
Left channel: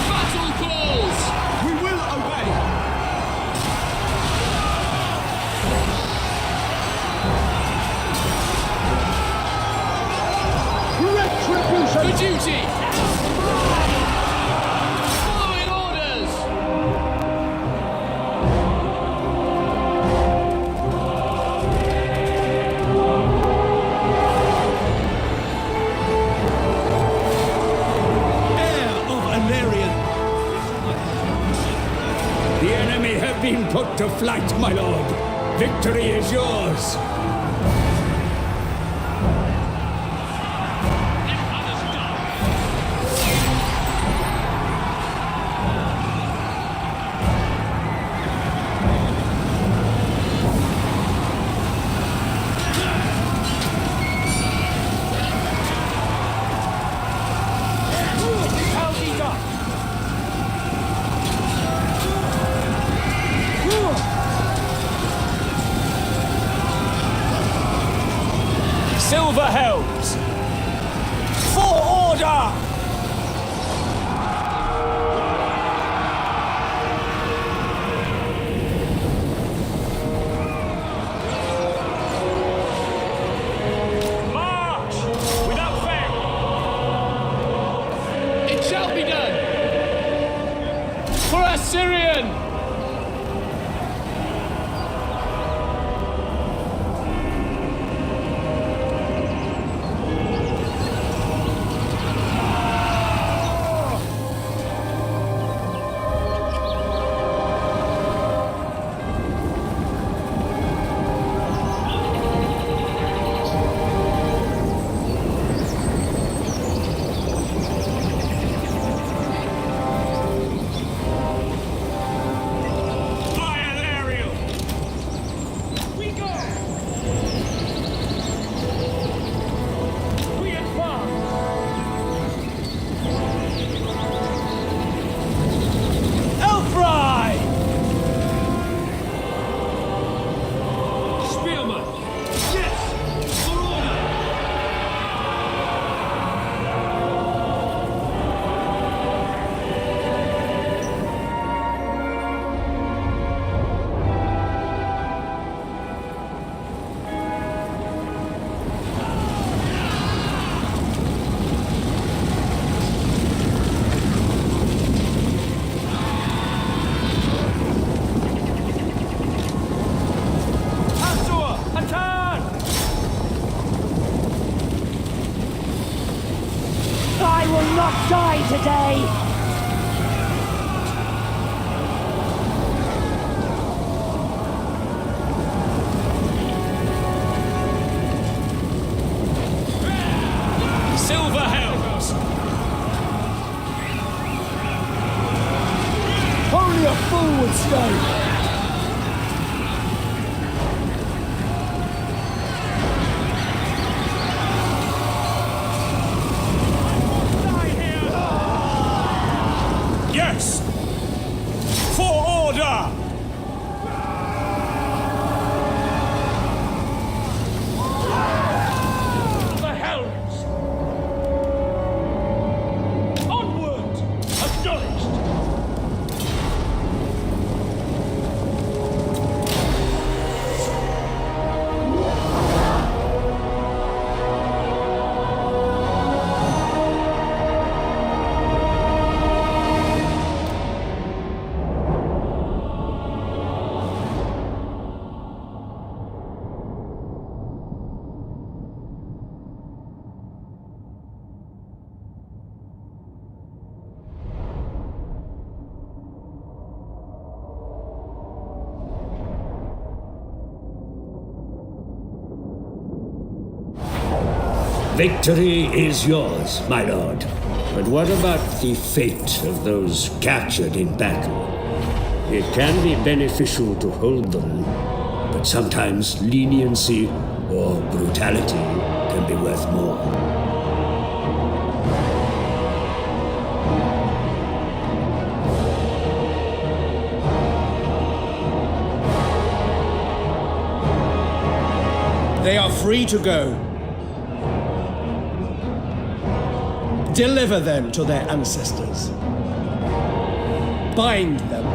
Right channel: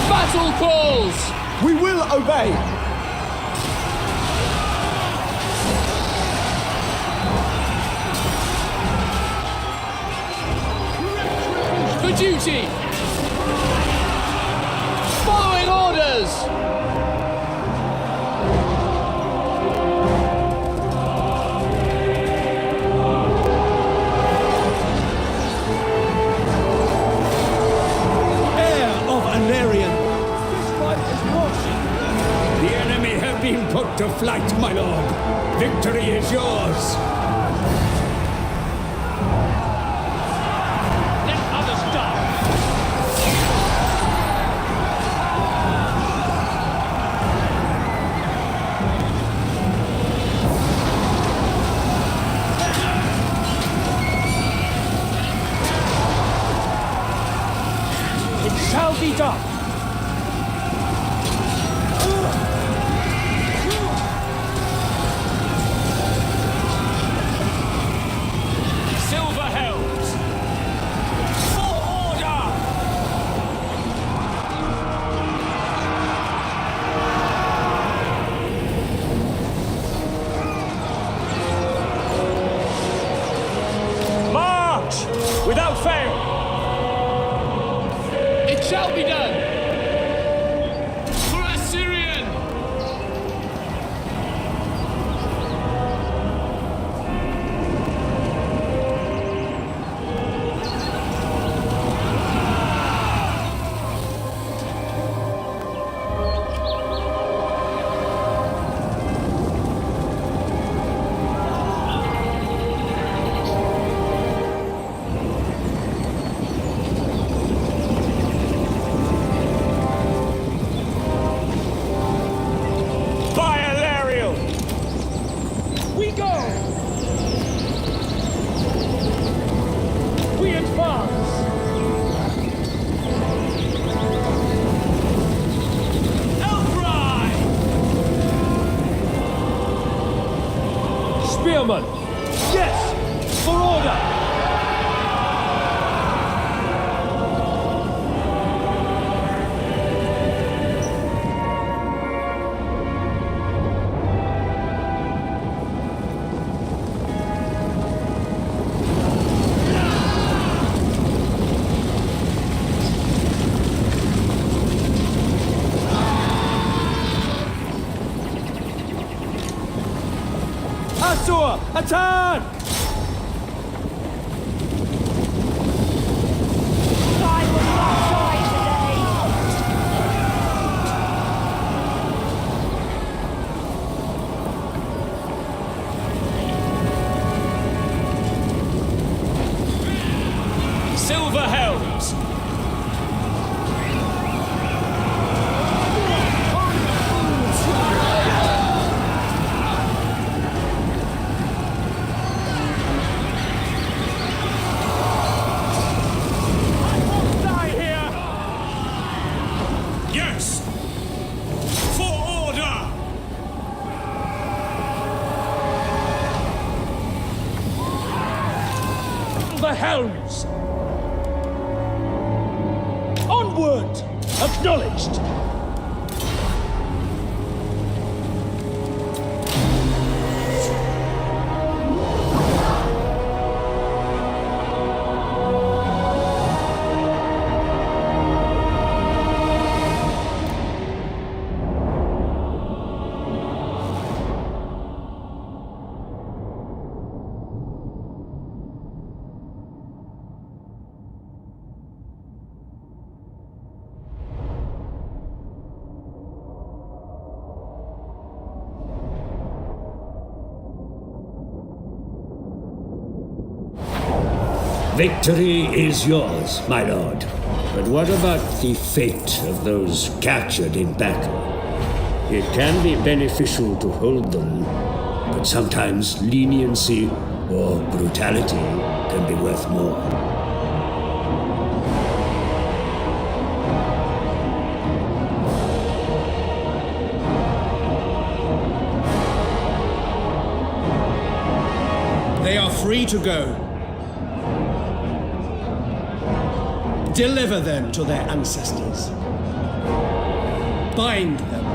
Battle calls! We will obey! Retribution! For duty! Following orders! Heir of Anarion! The enemy have been put to flight, my lord. Victory is yours. Let others die! Shall be done! shall be done. For Assyrian! Spearman! Yes! For order! Attack! Silver Helms! Only a fool would stand. Yes! For order! The helms! Onward! Acknowledged! Victory is yours, my lord. But what about the fate of those captured in battle? It can be beneficial to hold them, but sometimes leniency or brutality can be worth more. They are free to go. Deliver them to their ancestors. Bind them.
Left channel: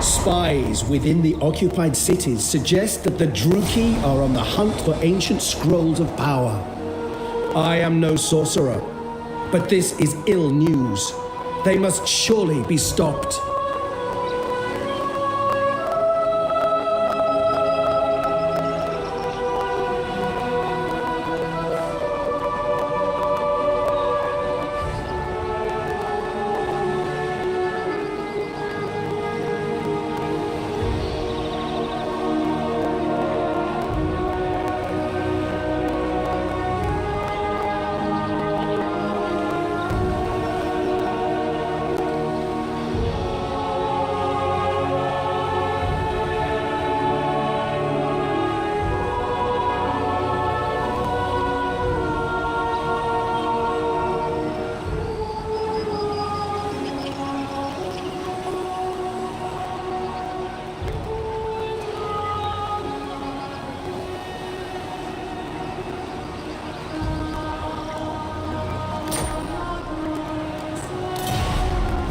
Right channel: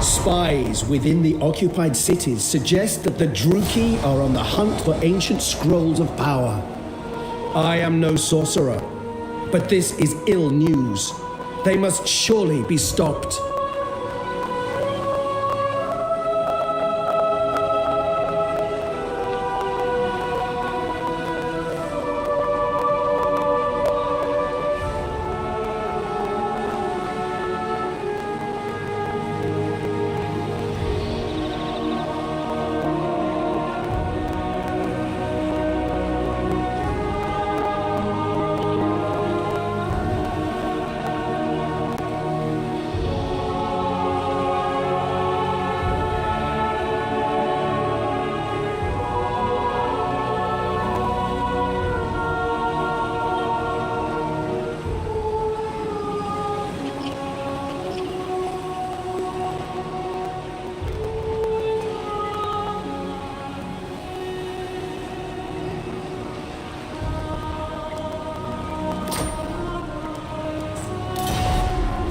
Spies within the occupied cities suggest that the Druki are on the hunt for ancient scrolls of power. I am no sorcerer, but this is ill news. They must surely be stopped.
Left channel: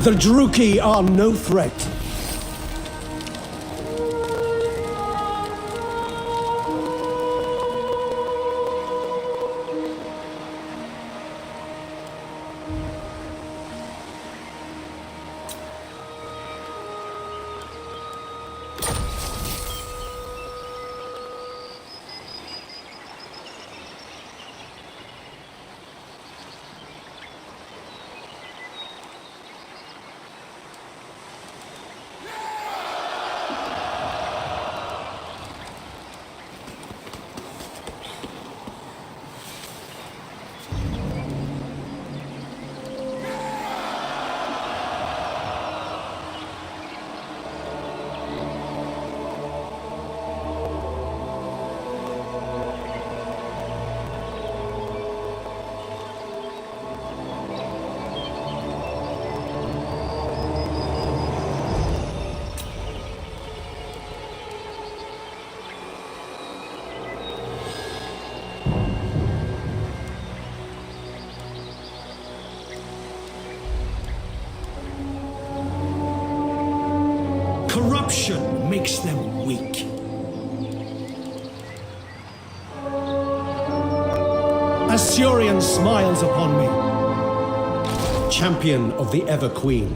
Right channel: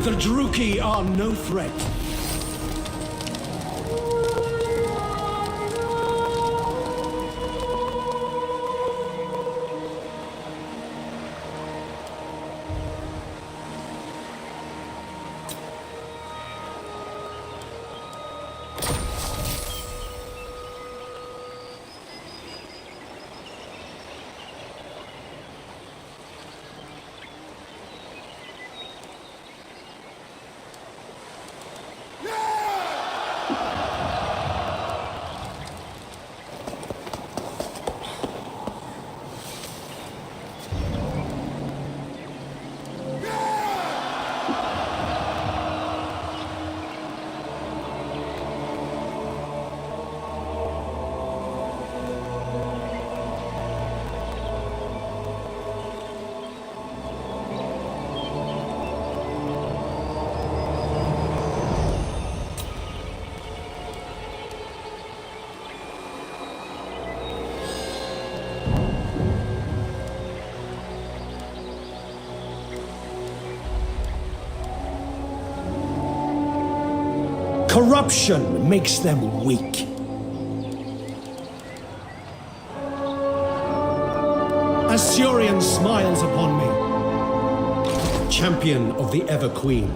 The Druki are no threat. Corruption makes them weak. Assyrian smiles upon me, champion of the Ever Queen.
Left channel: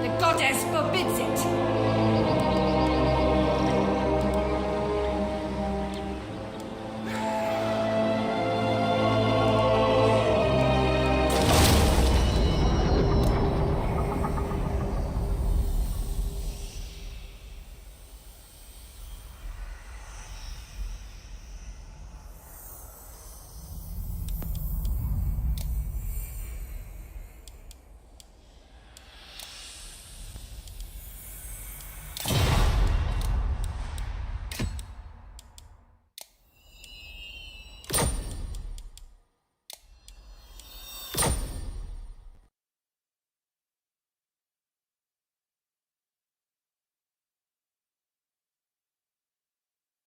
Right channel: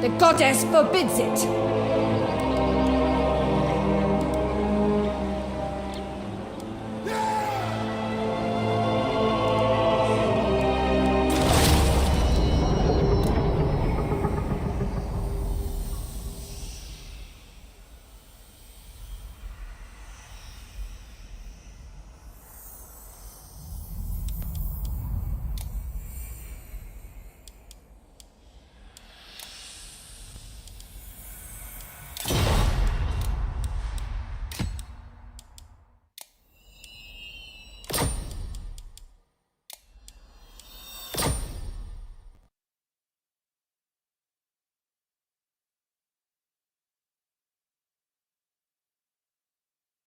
The goddess forbids it.